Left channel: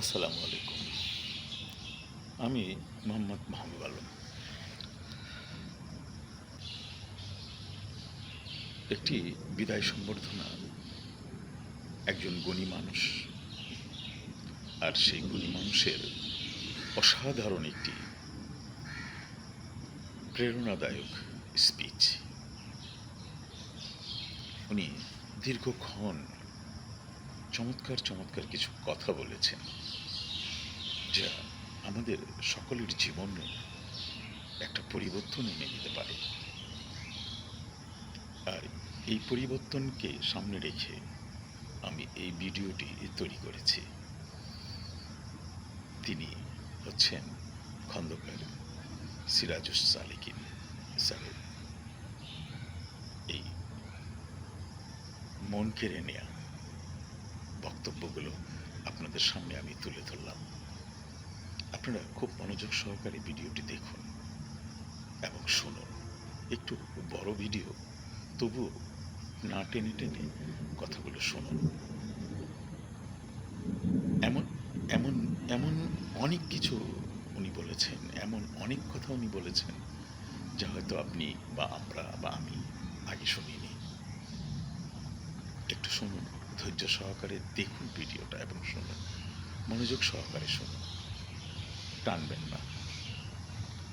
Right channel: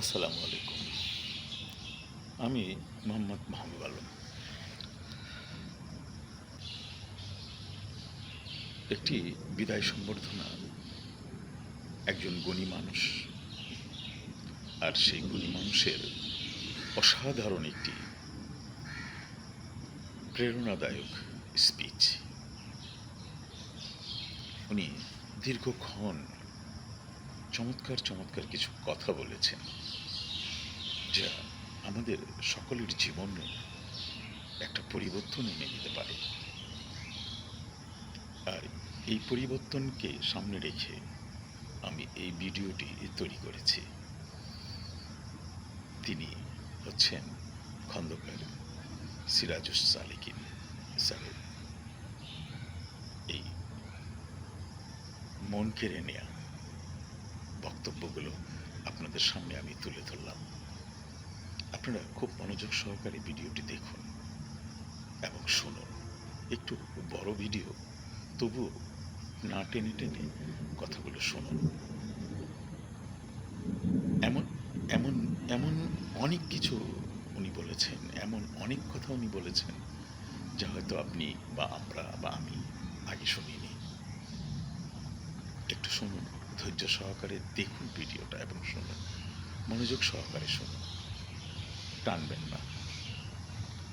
আসসালামু আলাইকুম। আমি মোহাম্মদ মাহবুব আলম। একটি বিদায় সম্বর্ধনা একজন গুণী মানুষ, আর সেই গুণী মানুষের অসাধারণ একটি প্রেরণাদায়ক স্পিচ। উনি দীর্ঘক্ষণ চমৎকার চমৎকার কিছু কথা বলেছেন, যা আমাদের সকলের জীবনে একটা পরিবর্তন এনে দিতে পারে। আর এই পরিবর্তনকে সামনে রেখে আমি এই ভিডিওটি তৈরি করেছি। তিনি হচ্ছেন খন্দকার সিরাজুস সালেকিন স্যারের এই মন কেড়ে নেয়া বক্তব্যগুলো আপনাদের সামনে আমি তুলে ধরলাম। আপনারা খুব মনোযোগ সহকারে ভিডিওটি দেখুন এবং শুনুন। একটু বড় ভিডিও, তবুও না টেনে টেনে কথাগুলো শুনুন। এমন এমন এমন অনেক কিছু উনি বলেছেন, এমন অনেক কথা উনি বলেছেন যা হয়তো আপনি বা আমরা বা আমি আগে শুনিনি। একটু শুনুন, ধৈর্য সহকারে দেখুন ভিডিওটা এবং শুনুন, মনোযোগ সহকারে শুনুন, টানবেন না।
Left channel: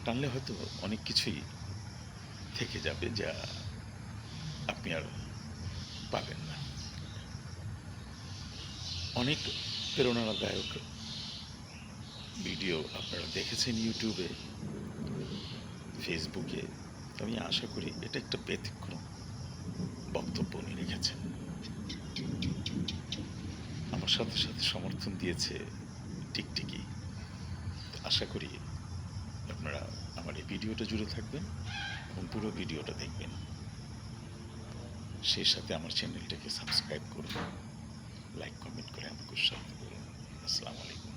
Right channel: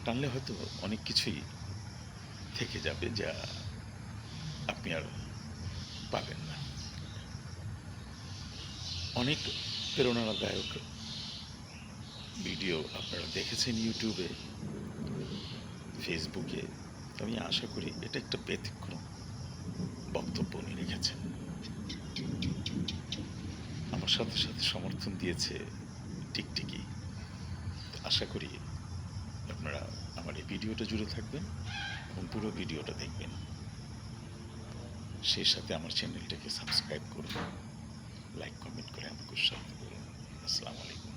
টানলে হয়তো অনেক কিছুই থেকে যাবে যা আপনি আর পাবেন না। অনেক প্রেরণাদায়ক ভিডিও আপনারা দেখেছেন ইউটিউবে, ফেসবুকে। আমি আশা করি এটা একটা ব্যতিক্রম বক্তব্য উনি রেখেছেন। আমার সাথে সাথে সমর্থন দিয়েছে টিকটিকি। আশা করি আপনারা আমার এই ভিডিওটা জুড়ে থাকবেন এবং পুরো ভিডিওটা দেখবেন। সেই সাথে আমার চ্যানেলটাকে সাবস্ক্রাইব করুন, লাইক কমেন্ট করে আমাকে উৎসাহিত করুন। আসসালামু আলাইকুম।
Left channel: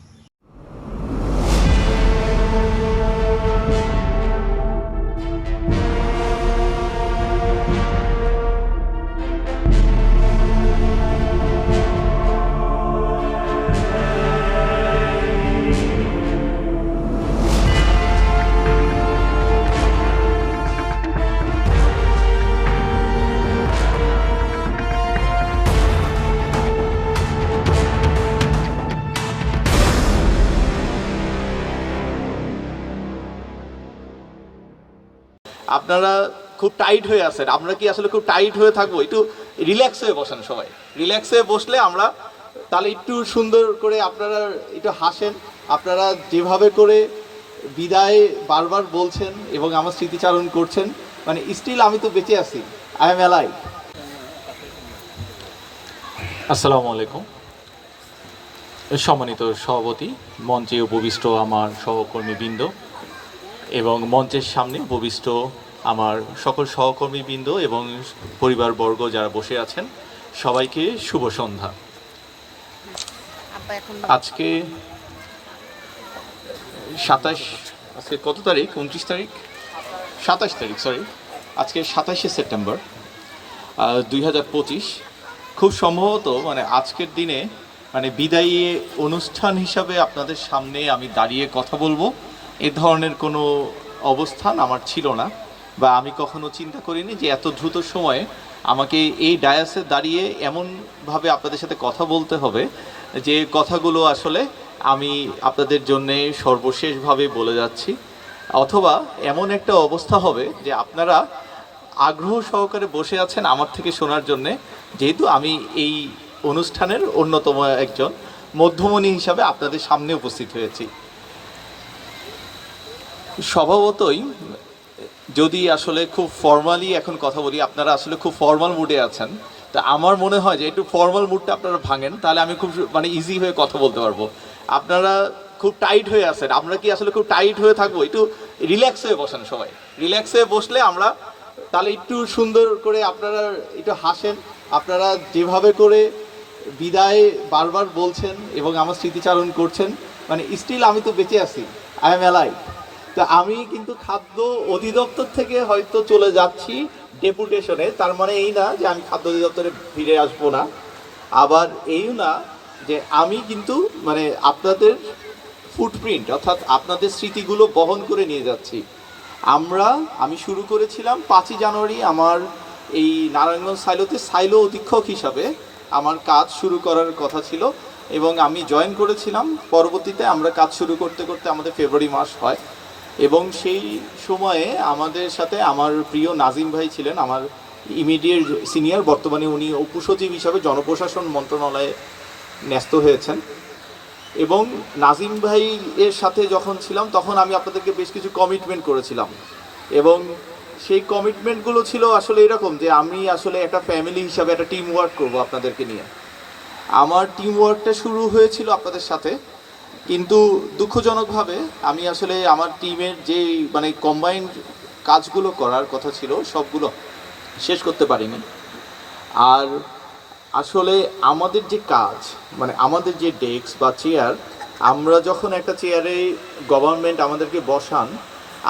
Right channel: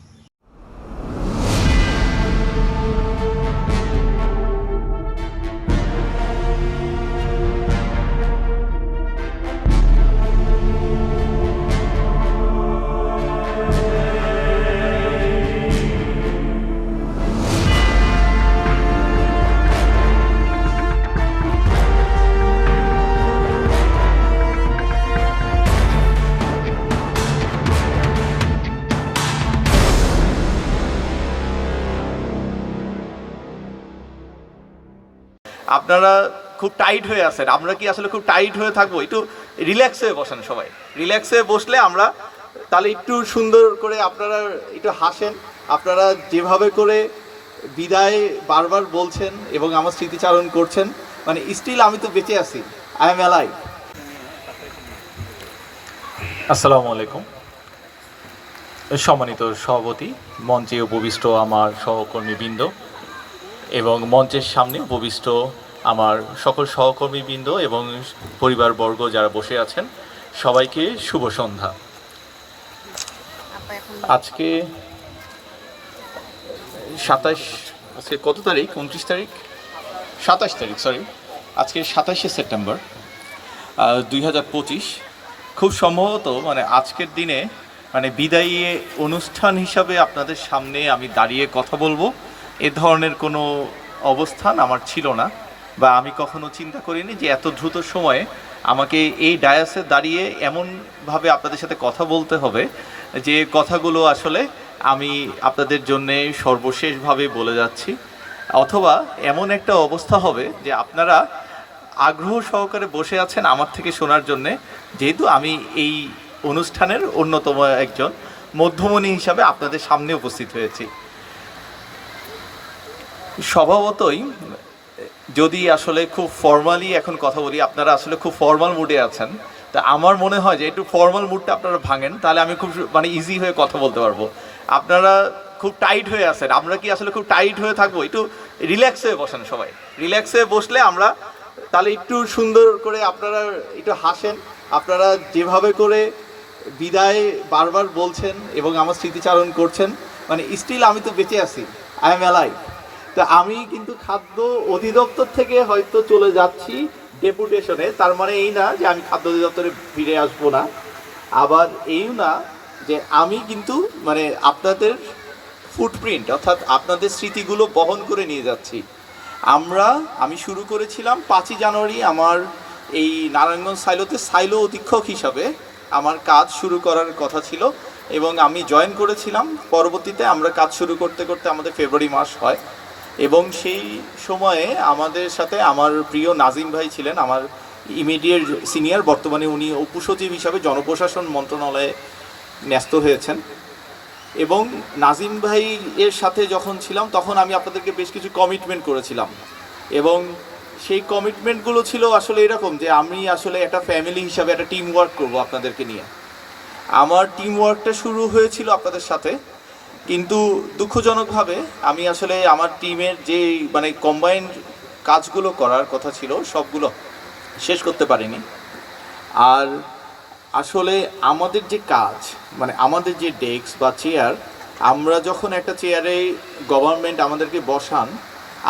আপনারা খুব টাইট হয়ে আছেন, আমরা কি আসলে খুব টাইট হয়ে থাকবো? একটু রিল্যাক্স হয়ে বসেন, সবাই রিল্যাক্স হয়ে বসলে আমরা তাহলে একটু সুন্দর করে আপনারা একটু হাসেন। আপনারা যেভাবে করে বিদায় বারবার বলছেন এবং আমার স্মৃতিচারণ করছেন, মানে স্টিল আমি তো বেঁচে আছি, আই এম অ্যালাইভ। আসসালামু আলাইকুম। সম্মানিত সভাপতি, মঞ্চে উপবিষ্ট আমার সহকর্মীবৃন্দ এবং মঞ্চের সামনে উপবিষ্ট আমার সকল সহকর্মীবৃন্দ এবং পরিবারবর্গ যারা বসে আছেন, সবাইকে শুভ সন্ধ্যা। আজকে 27 কত তারিখ? 29 তারিখ, 27 তারিখ, সরি, আজকে 27শে সেপ্টেম্বর 2025। খুব সম্ভবত মানে আজকের দিনে মানে বিদায়ী অনুষ্ঠান হিসাবে আপনাদের সামনে আমি দাঁড়িয়ে কথা বলবো, এ ধরনের কোনো অবস্থান আমার ছিল না, বা আমি কখনো চিন্তা করিনি যে এত দ্রুত সময়ে আমাকে এই ডায়াসে দাঁড়িয়ে এমনভাবে আপনাদের সাথে কথা বলতে হবে যে কথাগুলো আসলে আমি আপনাদের জন্যে সর্বশেষভাবে বলে যাচ্ছি, অথবা এমন একটা অবস্থা হবে যে আপনারা আগ্রহ সহকারে বসে আছেন আমার থেকে শোনার জন্যে, যেহেতু আমি এই অনুষ্ঠানের অন্যতম একজন মধ্যমণি হিসাবে আপনাদের সামনে উপস্থিত হয়েছি। স্বভাবতই যদি আসলে খুব ফর্মালি এখন কথা বলি, আপনারা আসলে খুব ফর্মাল মুডে আছেন, তা আমার মনে হয় যে একটু ফর্মাল মুডটা আপনারা ভাঙেন, তাহলে আমি খুব মানে ইজি হয়ে কথা বলতে পারবো। আপনারা খুব টাইট হয়ে আছেন, আমরা কি আসলে খুব টাইট হয়ে থাকবো? একটু রিল্যাক্স হয়ে বসেন, সবাই রিল্যাক্স হয়ে বসলে আমরা তাহলে একটু সুন্দর করে আপনারা একটু হাসেন। আপনারা যেভাবে করে বিদায় বারবার বলছেন এবং আমার স্মৃতিচারণ করছেন, মানে স্টিল আমি তো বেঁচে আছি, আই এম অ্যালাইভ। তো আমি কিন্তু খাদ্য অধিদপ্তর থেকে হয়তো চলে যাচ্ছি ডেপুটেশনে, তার মানে এই না যে আমি খাদ্য অধিদপ্তরে ফিরে আসবো না, আবার এইও না যে আমি কিন্তু মানে আপনাদের ফুটপ্রিন্ট অর্থাৎ আপনাদের স্মৃতিগুলো বহন করে নিয়ে যাচ্ছি। আমি শুরু করেছিলাম 5ই জানুয়ারি আমার এই নারায়ণগঞ্জ সাইলোতে সাইলো অধীক্ষক হিসাবে আমার কাজ শুরু করার কথা ছিল, এবং আমি জয়েন করেছিলাম। পরবর্তীতে আমরা কাজ শুরু করতে করতে আমাদের ফেব্রুয়ারি মাস হয়, এবং সেই সময়ে আমাদের সাথে আমার প্রিয় নাজিম ভাই ছিলেন, আমার ইমিডিয়েট সিনিয়র। বর্তমানে উনি উপসচিব হিসাবে জনপ্রশাসন মন্ত্রণালয়ে ন্যস্ত হয়েছেন। এবং নাজিম ভাই এর সাথে যখন ছিলাম তখন আমি আপনাদেরকে বেশ কিছু কমিটমেন্ট করেছিলাম, এবং সেই কমিটমেন্টগুলো ছিল আসলে এরকম যে আমি আসলে একটা ফ্যামিলি হিসাবে একটা টিম ওয়ার্ক করবো আপনাদেরকে নিয়ে। আমার টিম ওয়ার্কটা শুরু হয়েছিল আপনাদের সাথে, কিন্তু দুঃখজনকভাবে আমি আসলে আমার টিমের যে মানে কম্বাইন্ড কাজগুলো করার কথা ছিল সবগুলো শেষ করতে পারিনি। আর আসলে আমাদের যে কাজ মানে আমাদের যে ডেস্ক বা চেয়ার, আমরা যখন একটা চেয়ারে গভর্নমেন্ট আমাদেরকে বসান,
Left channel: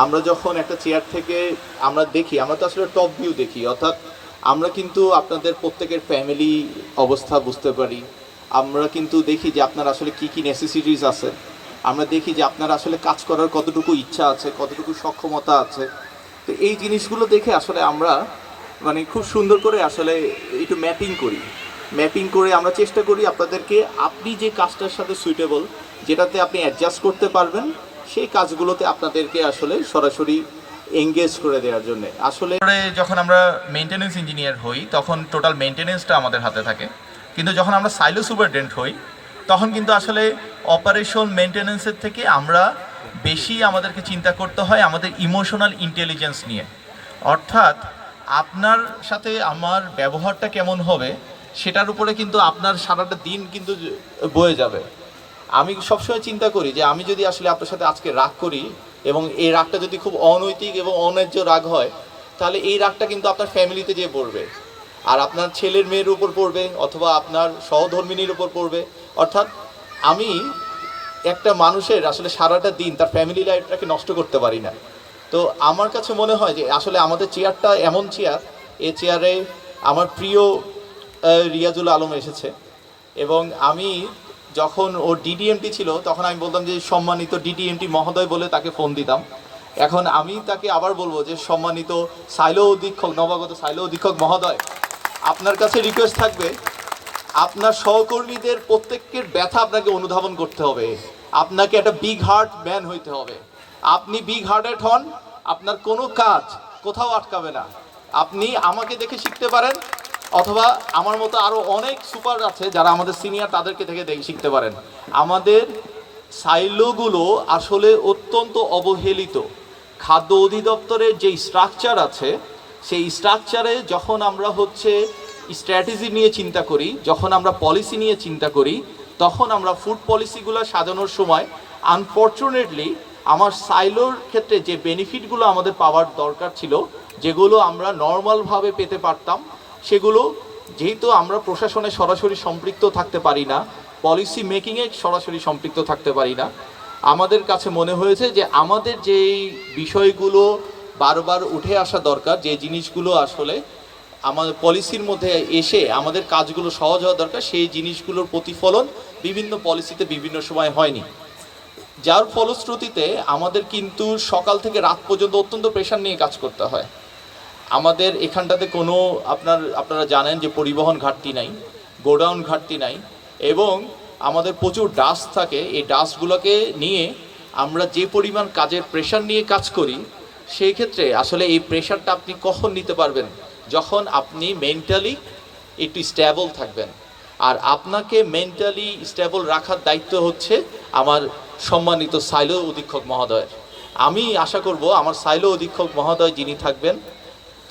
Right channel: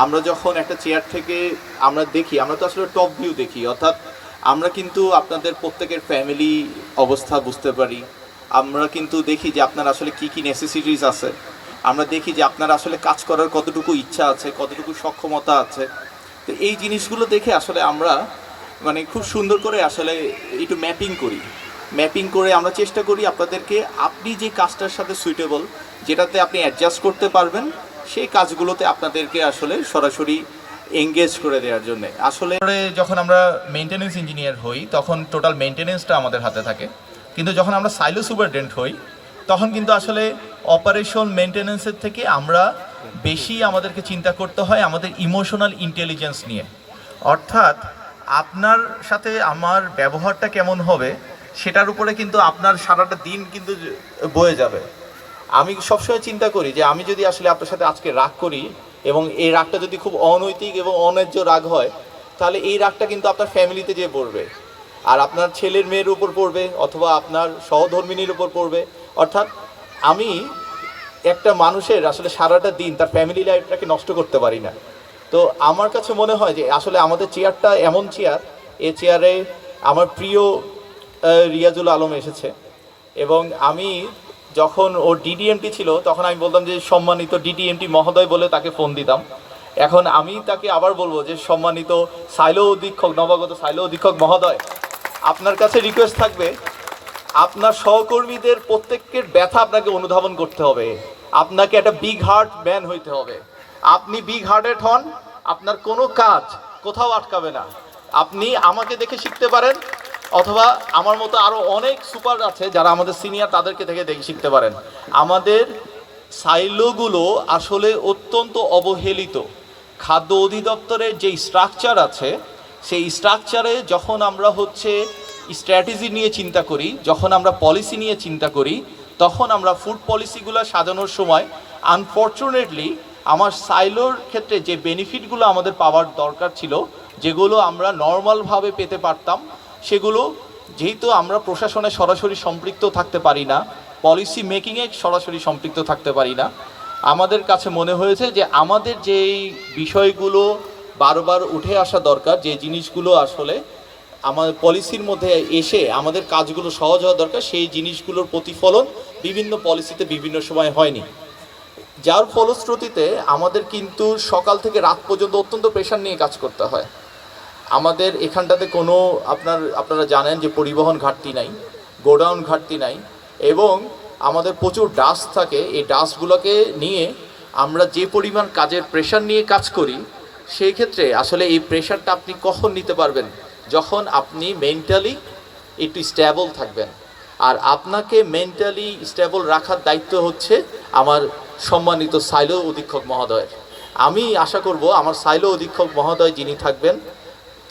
আমরা যখন একটা চেয়ার থেকে আমরা দেখি, আমরা তো আসলে টপ ভিউ দেখি, অর্থাৎ আমরা কিন্তু আপনাদের প্রত্যেকের ফ্যামিলি অবস্থা বুঝতে পারি। আমরা কিন্তু দেখি যে আপনার আসলে কি কি নেসেসিটিস আছে, আমরা দেখি যে আপনার আসলে কাজ করার কতটুকু ইচ্ছা আছে, কতটুকু সক্ষমতা আছে। তো এই জিনিসগুলো দেখে আসলে আমরা মানে খুব সুন্দর করে আসলে একটু ম্যাপিং করে আমরা চেষ্টা করি আপনাদেরকে আপনি যে কাজটার সাথে সুইটেবল, যেটাতে আপনি অ্যাডজাস্ট করতে পারবেন, সেই কাজগুলোতে আপনাদেরকে আসলে সরাসরি এঙ্গেজ করে দেওয়ার জন্য। আসলে যখন আমরা মেইনটেনেন্স ইঞ্জিনিয়ার হই তখন টোটাল মেইনটেনেন্সটা আমাদের হাতে থাকে, কিন্তু যখন আমরা সাইলো সুপারডেন্ট হই তখন কিন্তু আসলে অপারেশন মেইনটেনেন্সের থেকে আমরা বেশি আমাদেরকে চিন্তা করতে হয় আমাদের ইমোশনাল ইন্টেলিজেন্স নিয়ে। অর্থাৎ আপনার সাথে আমার ব্যবহারটা কেমন হবে সেটার উপরে কিন্তু আপনার সারাটা দিন কিন্তু বয়ে যাবে। আমি সবসময় চিন্তা করি যে আমি যদি আসলে আপনার সাথে আজকে রাগ করি এবং এই রাগটা যদি খুব অনৈতিক এবং অন্যায্য রাগ হয়, তাহলে এই রাগটা কিন্তু আপনার ফ্যামিলিতে যেয়ে পড়বে, আর আপনার ছেলের মেয়ের উপর পড়বে, অথবা আপনার সহধর্মিনীর উপর পড়বে। অর্থাৎ আমি একটা মানুষের আসলে সারাটা দিন তার ফ্যামিলি লাইফটাকে নষ্ট করতে পারি না। তো আমার কাছে মনে হয় যে আসলে আমাদের চেয়ারটা এমন চেয়ার, এই চেয়ারে আমার প্রিয় রিয়াজুল আলম এসেছে, এবং আমি যখন ও ডিডিএমটি ছিল তখন আমি বলতাম যে সম্মানিত ডিডিএমটি মহোদয় বলে তাকে ফোন দিতাম। এখন আমি তাকে আবার বলবো যে সম্মানিত সাইলো অধীক্ষক, নবাগত সাইলো অধীক্ষক মহোদয়, আপনার কাছে রিকোয়েস্ট থাকবে আপনার সহকর্মীদের প্রত্যেকের ব্যথা আপনাকে অনুধাবন করতে হবে, আপনাকে একটা বিগ হার্ট ম্যান হইতে হবে। আপনি বিগ হার্টেড হন, আপনার কোনো কাজ কোথাও আটকাবে না। আপনি আমাকে দেখে শিখতে পারেন, অথবা আমার মতো আরও অনেক সুপার আছে যারা আমাদের সিনিয়র, তাদেরকে থেকে দেখে শিখতে পারেন। আমাদের সাইলোগুলো আসলে অত্যন্ত অবহেলিত। খাদ্য অধিদপ্তরের যে স্ট্রাকচার আছে সেই স্ট্রাকচারে যখন আমরা স্ট্র্যাটেজি নিয়ে চিন্তা করি, যখন আমরা পলিসি নিয়ে চিন্তা করি, তখন আমরা ফুড পলিসিগুলো সাজানোর সময় আনফর্চুনেটলি আমার সাইলোর ক্ষেত্রে যে বেনিফিটগুলো আমাদের পাওয়ার দরকার ছিল, যেগুলো আমরা নর্মালভাবে পেতে পারতাম, সেগুলো যেহেতু আমরা প্রশাসনে সরাসরি সম্পৃক্ত থাকতে পারি না, পলিসি মেকিংয়ে সরাসরি সম্পৃক্ত থাকতে পারি না, আমাদের কাছে মনে হয়েছে যে আমাদের যেই বিষয়গুলো বারবার উঠে আসা দরকার, যে জিনিসগুলো আসলে আমাদের পলিসির মধ্যে এসে আমাদের কাজগুলো সহজ হওয়া দরকার, সেই জিনিসগুলোর প্রতিফলন বিভিন্ন পলিসিতে বিভিন্ন সময় হয়নি। যার ফলশ্রুতিতে আমাদের কিন্তু সকাল থেকে রাত পর্যন্ত অত্যন্ত প্রেশার নিয়ে কাজ করতে হয়। আমাদের এখানটাতে কোনো আপনারা জানেন যে পরিবহন ঘাটতি নাই, গোডাউন ঘাটতি নাই, এবং আমাদের প্রচুর ডাস্ট থাকে। এই ডাস্টগুলোকে নিয়ে আমরা যে পরিমাণ কাজের প্রেশার নিয়ে কাজ করি, সেই ক্ষেত্রে আসলে এই প্রেশারটা আপনি কখন নিতে পারবেন? যখন আপনি মেন্টালি একটু স্টেবল থাকবেন। আর আপনাকে মেন্টালি স্টেবল রাখার দায়িত্ব হচ্ছে আমার সম্মানিত সাইলো অধীক্ষক মহোদয়ের। আমি আশা করব আমার সাইলো অধীক্ষক মহোদয় যিনি থাকবেন,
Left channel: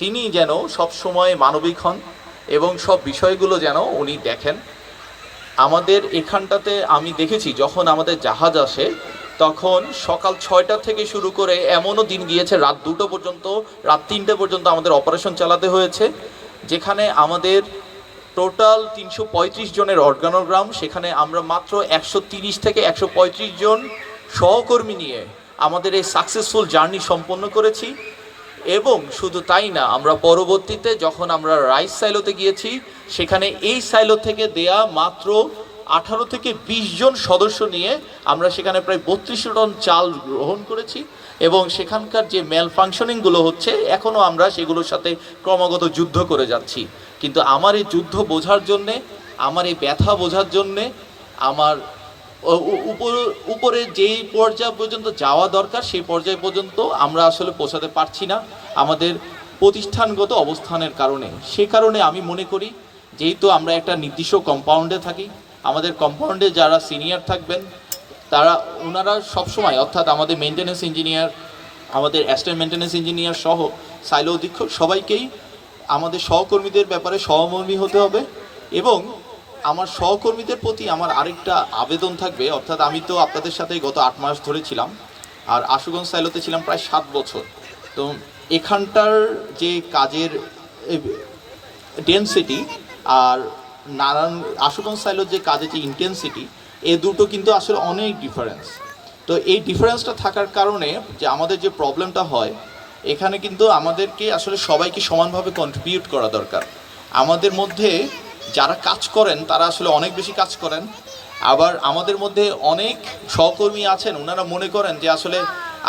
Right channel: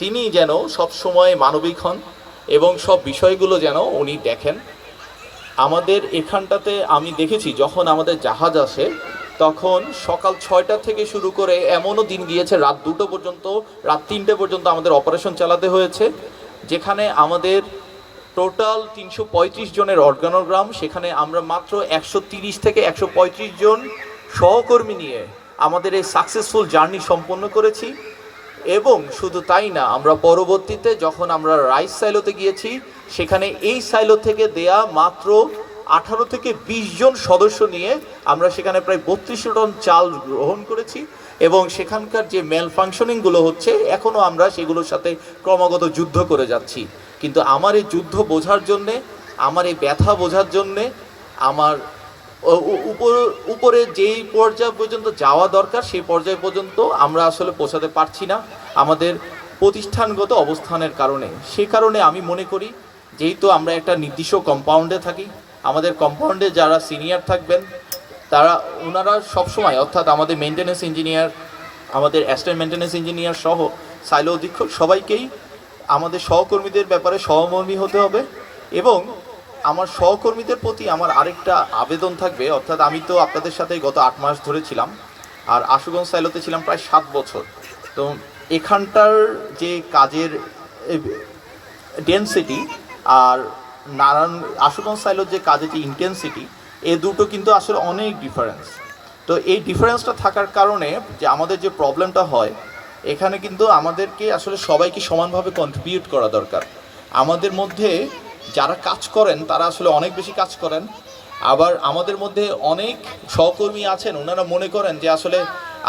তিনি যেন সব সময় মানবিক হন এবং সব বিষয়গুলো যেন উনি দেখেন। আমাদের এখানটাতে আমি দেখেছি যখন আমাদের জাহাজ আসে তখন সকাল 6টা থেকে শুরু করে এমনও দিন গিয়েছে রাত 2টো পর্যন্ত, রাত 3টে পর্যন্ত আমাদের অপারেশন চালাতে হয়েছে, যেখানে আমাদের টোটাল 335 জনের অর্গানোগ্রাম, সেখানে আমরা মাত্র 130 থেকে 135 জন সহকর্মী নিয়ে আমাদের এই সাকসেসফুল জার্নি সম্পন্ন করেছি। এবং শুধু তাই না, আমরা পরবর্তীতে যখন আমরা রাইস সাইলোতে গিয়েছি, সেখানে এই সাইলো থেকে দেয়া মাত্র 18 থেকে 20 জন সদস্য নিয়ে আমরা সেখানে প্রায় 32 টন চাল গ্রহণ করেছি এবং সেখানকার যে মেল ফাংশনিংগুলো হচ্ছে এখনও আমরা সেগুলোর সাথে ক্রমাগত যুদ্ধ করে যাচ্ছি। কিন্তু আমার এই যুদ্ধ বোঝার জন্যে, আমার এই ব্যথা বোঝার জন্যে, আমার উপরে যেই পর্যায় পর্যন্ত যাওয়া দরকার সেই পর্যায় পর্যন্ত আমরা আসলে পৌঁছাতে পারছি না আমাদের প্রতিষ্ঠানগত অবস্থানের কারণে। সে কারণে আমি মনে করি যেহেতু আমরা একটা নির্দিষ্ট কম্পাউন্ডে থাকি, আমাদের কম্পাউন্ডে যারা সিনিয়র থাকবেন ওনারা সবসময়, অর্থাৎ আমাদের মেনটেন্যান্স ইঞ্জিনিয়ার, আমাদের অ্যাসিস্ট্যান্ট মেনটেন্যান্স ইঞ্জিনিয়ার সহ সাইলো অধীক্ষক সবাইকেই আমাদের সহকর্মীদের ব্যাপারে সহমর্মী হতে হবে। এবং আমার সহকর্মীদের প্রতি আমার আরেকটা আবেদন থাকবে, অর্থাৎ আমি তো আপনাদের সাথে গত 8 মাস ধরে ছিলাম, আর আশুগঞ্জ সাইলোতে ছিলাম প্রায় 7 বছর। তো এখানটার যে কাজের ডেনসিটি আর আশুগঞ্জ সাইলোর যে কাজের যে ইন্টেন্সিটি, এই দুটো কিন্তু আসলে অনেক ডিফারেন্স। তো এই ডিফারেন্সটা থাকার কারণে যে আমাদের যে প্রবলেমটা হয়, এখানে কিন্তু আমাদেরকে আসলে সবাইকে সমানভাবে কন্ট্রিবিউট করা দরকার। আমাদের মধ্যে যারা কাজ করেন তারা আসলে অনেক বেশি কাজ করেন, আবার আমাদের মধ্যে অনেক সহকর্মী আছেন ওনারা মনে করেন যে আসলে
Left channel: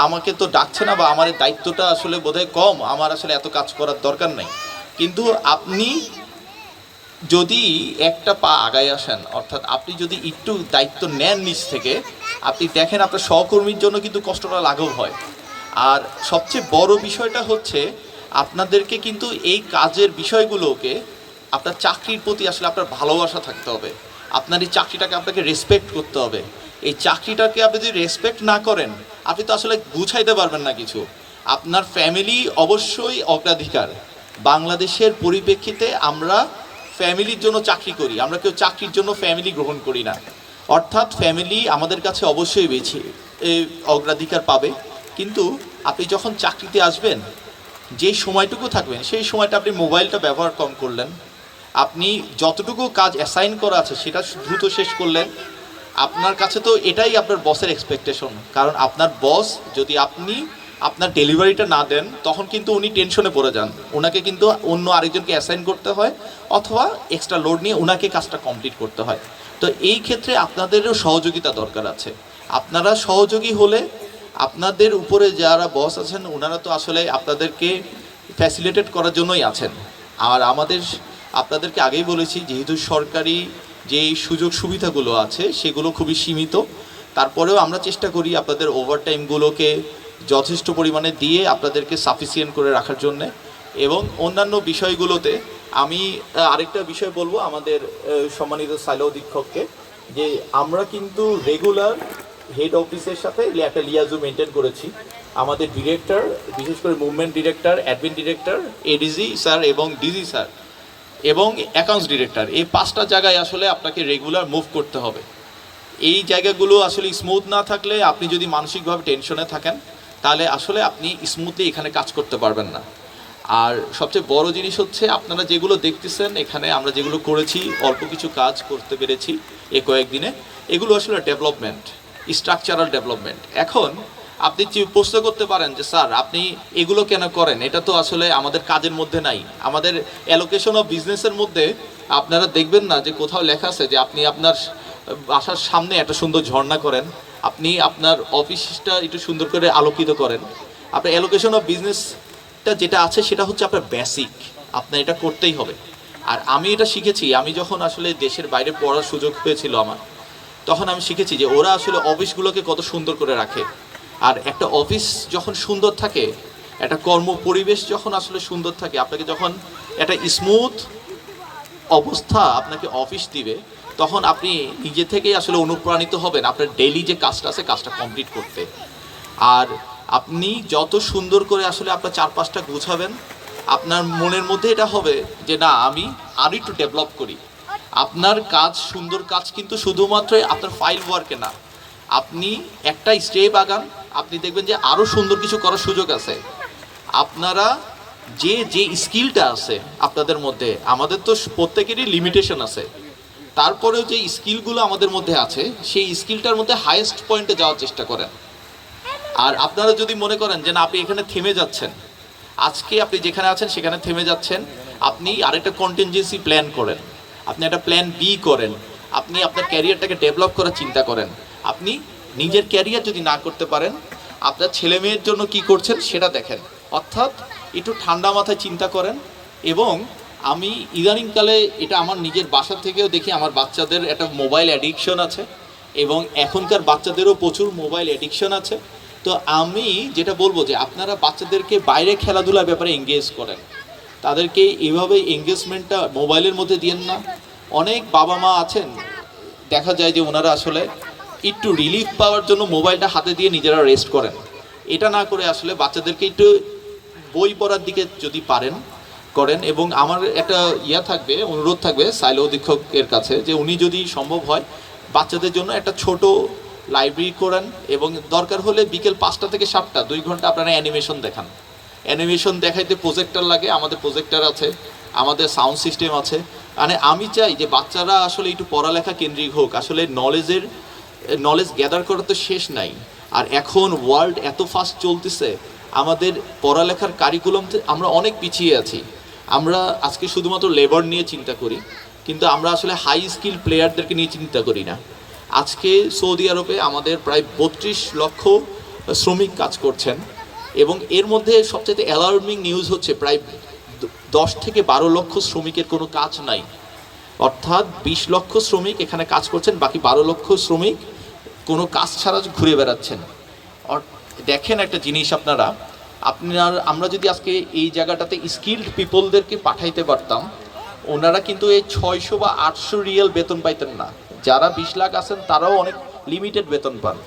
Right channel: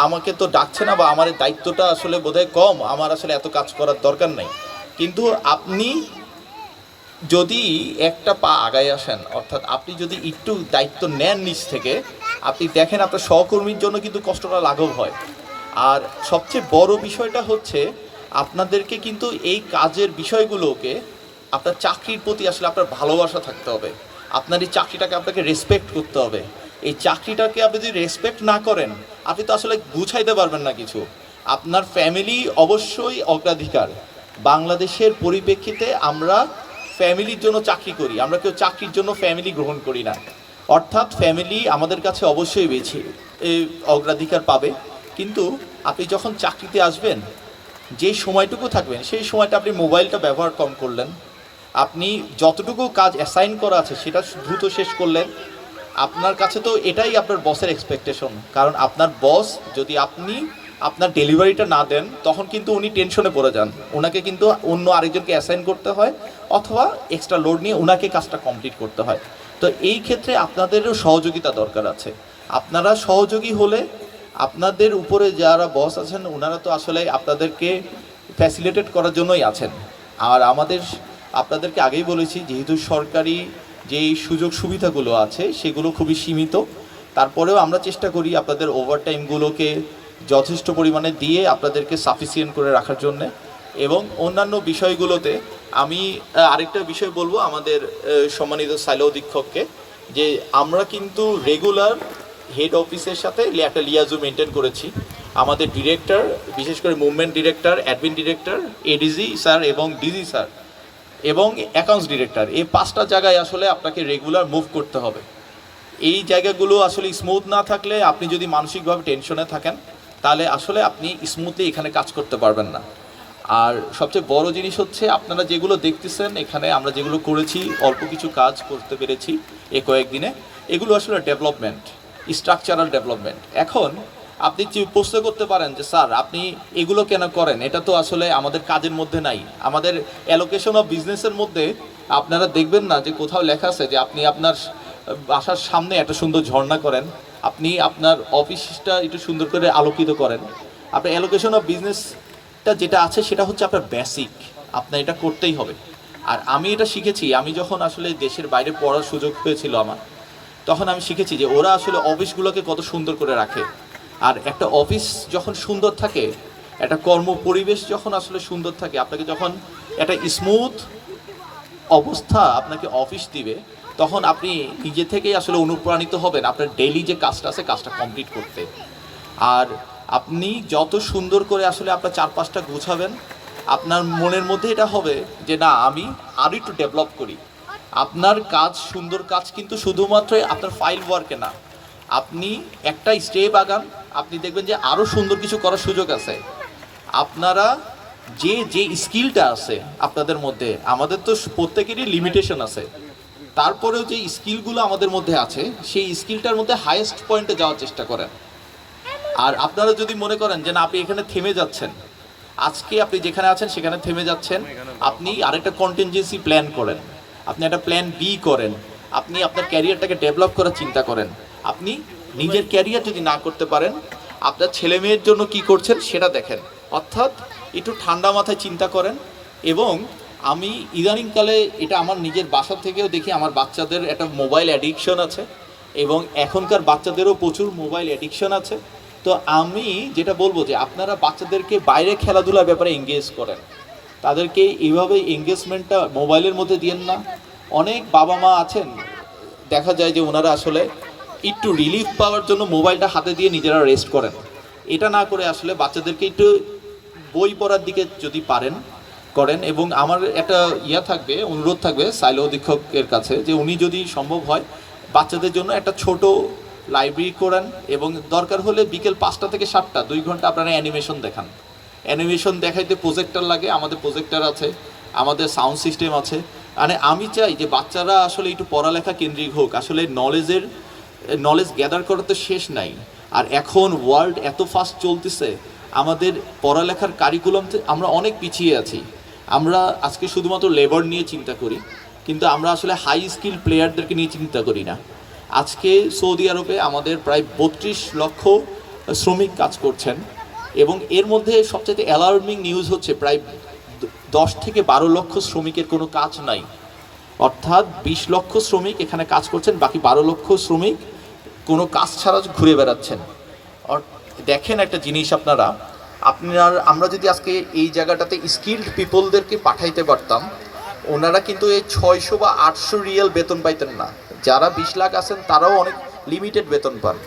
আমাকে তো ডাকছে না বা আমার দায়িত্বটা আসলে বোধহয় কম, আমার আসলে এত কাজ করার দরকার নেই। কিন্তু আপনি যদি একটা পা আগায় আসেন, অর্থাৎ আপনি যদি একটু দায়িত্ব নেন নিজ থেকে, আপনি দেখেন আপনার সহকর্মীর জন্য কিন্তু কষ্টটা লাঘব হয়। আর সবচেয়ে বড় বিষয়টা হচ্ছে আপনাদেরকে কিন্তু এই কাজের বিষয়গুলোকে, আপনার চাকরির প্রতি আসলে আপনার ভালোবাসা থাকতে হবে, আপনার এই চাকরিটাকে আপনাকে রেসপেক্ট করতে হবে। এই চাকরিটাকে আপনি যদি রেসপেক্ট না করেন, আপনি তো আসলে গুছাইতে পারবেন না কিছু। আপনার ফ্যামিলি অবশ্যই অগ্রাধিকার। বাংলাদেশের পরিপ্রেক্ষিতে আমরা ফ্যামিলির জন্য চাকরি করি, আমরা কেউ চাকরির জন্য ফ্যামিলি গ্রহণ করি না। অর্থাৎ ফ্যামিলি আমাদের কাছে অবশ্যই বেশি অগ্রাধিকার পাবে। কিন্তু আপনি যখন চাকরিতে আসবেন, যে সময়টুকু থাকবেন সেই সময়টা আপনি মোবাইলটা ব্যবহার কম করলেন, আপনি যতটুকু কাজ অ্যাসাইন করা আছে সেটা দ্রুত শেষ করলেন। আপনার কাছে তো এটাই আপনার বসের এক্সপেকটেশন, কারণ আপনার বস যদি আপনি আপনার ডেলিভারিটা না দেন তখন কিন্তু উনি টেনশনে পড়ে যান, ওনাকে কিন্তু অন্য আরেকজনকে অ্যাসাইন করতে হয় অথবা এক্সট্রা লোড নিয়ে ওনাকে কাজটা কমপ্লিট করতে হয়। তো এই ক্ষেত্রে আপনাদেরও সহযোগিতা দরকার আছে। আপনারা সহযোগী হলে আপনাদের উপরে যারা বস আছেন ওনারা তো আসলে আপনাদেরকে ফ্যাসিলিটেট করার জন্যই আছেন। আর আপনাদেরকে আগেই বলেছি, যেহেতু সরকারি যেই সুযোগ সুবিধাগুলো আছে সেগুলো খুবই সীমিত, তারপরেও আমরা চেষ্টা করি আপনাদের ওভারটাইমগুলোকে যথেষ্ট পরিমাণে দিয়ে আপনাদেরকে সাফিসিয়েন্ট করে রাখার জন্য। এবং অন্যান্য বিষয়গুলোতে আমি আরেকটা বিষয় বলবো আমাদের সম্মানিত সাইলো অধীক্ষককে, যে আমরা কিন্তু রেগুলার হেড অফিসের সাথে একটা লিয়াজু মেনটেন করেছি। আমাদের ডিরেক্টর, বিশেষ করে movement director, admin director, ADG sir এবং ডিজি স্যার এবং অ্যাকাউন্টস ডিরেক্টর, এই 5টা জায়গায় আসলে আপনাকে রেগুলার মুভ করতে হবে। এই জায়গাগুলো আসলে স্মুথ না থাকলে, আপনি যদি মানসিকভাবে টেনশনে থাকেন, তাহলে আসলে আপনি স্মুথলি এখানে কাজ করতে পারবেন না। আর সবচেয়ে বড় জিনিস হচ্ছে আপনারা যেগুলো দেখতেছেন এখানে আমরা যেগুলো করেছি, অল্প কিছু কাজ করতে পেরেছি এই কয়েকদিনে, এগুলো আসলে ডেভেলপমেন্ট, স্ট্রাকচারাল ডেভেলপমেন্ট। এখন আপনি প্রশ্ন করতে পারেন যে স্যার আপনি এগুলো কেন করেন, এটা তো আসলে আমাদের কাজের মধ্যে নাই। আমাদের অ্যালোকেশন অফ বিজনেসের মধ্যে আপনারা দেখবেন না যে কোথাও লেখা আছে যে আপনি আপনার বাসার সামনে একটা সুন্দর ঝর্ণা করেন, আপনি আপনার অফিসটা একটু সুন্দর করে আলোকিত করেন। আপনার অ্যালোকেশন অফ বিজনেসটা যেটা আছে সেটা হচ্ছে আপনার বেসিক, আপনার এটা করতেই হবে। আর আমি এটা শিখেছি, আমি যখন আসলে দেশের বাইরে পড়ার সুযোগ হয়েছিল আমার, তখন আমি শিখেছি যে ওরা আসলে অফিসগুলোকে কত সুন্দর করে রাখে। আর একটা অফিস যখন সুন্দর থাকে, একটা কর্ম পরিবেশ যখন আসলে সুন্দর থাকে, আপনাকে যখন একটা স্মুথ অবস্থা আপনাকে অফিস দিবে, তখন আপনি নিজে থেকেই আসলে অনুপ্রাণিত হবেন আপনার ডেইলি যে কাজটা আছে কাজটা কমপ্লিট করতে। আর আপনি যত সুন্দর করে আসলে আপনার চারপাশটা গোছাবেন, আপনার মনের মধ্যে এটা হবে যে না, আমি আরও একটু ডেভেলপ করি। আপনার কাজ, সুন্দর কাজ কিন্তু শুধুমাত্র আপনার ফাইল ওয়ার্কে না, আপনি একটা স্টেপ আগান, আপনি দেখবেন যে আরও সুন্দর কিছু করার সুযোগ আছে। আপনারা যে স্কিলটা আছে আপনাদের মধ্যে, আমাদের তো প্রত্যেকেরই লিমিটেশন আছে, তারপরেও যে স্কিলগুলো আমাদের মধ্যে আছে সেই স্কিলটার মধ্যে হাইয়েস্ট পয়েন্টে যাওয়ার চেষ্টা করেন। আর আপনারা যদি মনে করেন যে না আপনি এখানে থেমে যাচ্ছেন, আজকে আপনি যেখানে আছেন সেখানে থেমে যাচ্ছেন, আপনি আরেকটা কন্টিনজেন্সি প্ল্যান করেন, আপনি একটা প্ল্যান বি করেন, আপনি আপনার ক্যারিয়ারটাকে ডেভেলপ করার চিন্তা করেন। আপনি নিজের ক্যারিয়ার যদি না করতে পারেন, আপনার ছেলে মেয়ের জন্য কি করছেন সেটা দেখেন। অর্থাৎ একটু ঠান্ডা মাথায় চিন্তা করেন। এবং আমি ইদানিংকালে এটা আমার নিজের বাসা থেকেও দেখি, আমার বাচ্চাদের একটা মোবাইল অ্যাডিকশন আছে এবং এখনকার বাচ্চাদেরও প্রচুর মোবাইল অ্যাডিকশন আছে। তো আমি যেটা বলবো যে আপনারা বাচ্চাদেরকে বাইরে খেলাধুলার ব্যাপারে এঙ্গেজ করেন, তাদেরকে এইভাবে এঙ্গেজমেন্টটা মোবাইলের মধ্যে দিয়েন না। অনেক বাবা মা আছেন, দেখা যায় যে ওনারা আসলে একটু রিলিফ পাওয়ার জন্য মোবাইলটা হাতে দিয়ে নিজেরা রেস্ট করেন। এটা না করে আসলে বাচ্চাদেরকে একটু বই পড়ার দিকে যদি পারেন করেন। এবং আমার একটা থাকবে, অনুরোধ থাকবে সাইলো অধীক্ষকের কাছে, যে উনি যদি সম্ভব হয় বাচ্চাদের জন্য একটা ছোট লাইব্রেরি করেন এবং দরকার হলে বিকেল 5টা থেকে 7টা 2 ঘন্টা আপনারা অ্যানিমেশন দেখান। অ্যানিমেশন দেখাইতে প্রজেক্টর লাগে, আমাদের প্রজেক্টর আছে, আমাদের সাউন্ড সিস্টেম আছে। মানে আমি চাই যে বাচ্চারা আসলে একটু পড়ালেখা কেন্দ্রিক হোক। আসলে নলেজ গ্যাদার করার তো শেষ নাই। আর এখন ওয়ার্ল্ড এত ফাস্ট চলতেছে, আমাদের পড়ালেখার কারিকুলাম আমরা অনেক পিছিয়ে আছি। আমরা আজকে শুধুমাত্র লেবার নিয়ে চিন্তা করি, কিন্তু আমরা আসলে হাই স্কিল প্লেয়ারদেরকে নিয়ে চিন্তা করি না। আজকে সৌদি আরবে আমাদের প্রায় 32 লক্ষ শ্রমিক কাজ করছেন এবং এর মধ্যে সবচেয়ে অ্যালার্মিং নিউজ হচ্ছে প্রায় 10 থেকে 12 লক্ষ শ্রমিকের কোনো কাজ নাই। অর্থাৎ 20 লক্ষ শ্রমিক এখানে কাজ করছেন, বাকি 12 লক্ষ শ্রমিক কোনো কাজ ছাড়া ঘুরে বেড়াচ্ছেন। দেখেন একটা জিনিস, আমরা যদি আজকে এই জায়গাটাতে স্কিল্ড পিপলদেরকে পাঠাইতে পারতাম, ওনারা কিন্তু এই 600 বা 800 রিয়াল বেতন পাইতেন না। যারা 20 লাখ আছেন তারাও অনেক লিমিটেড বেতন পান।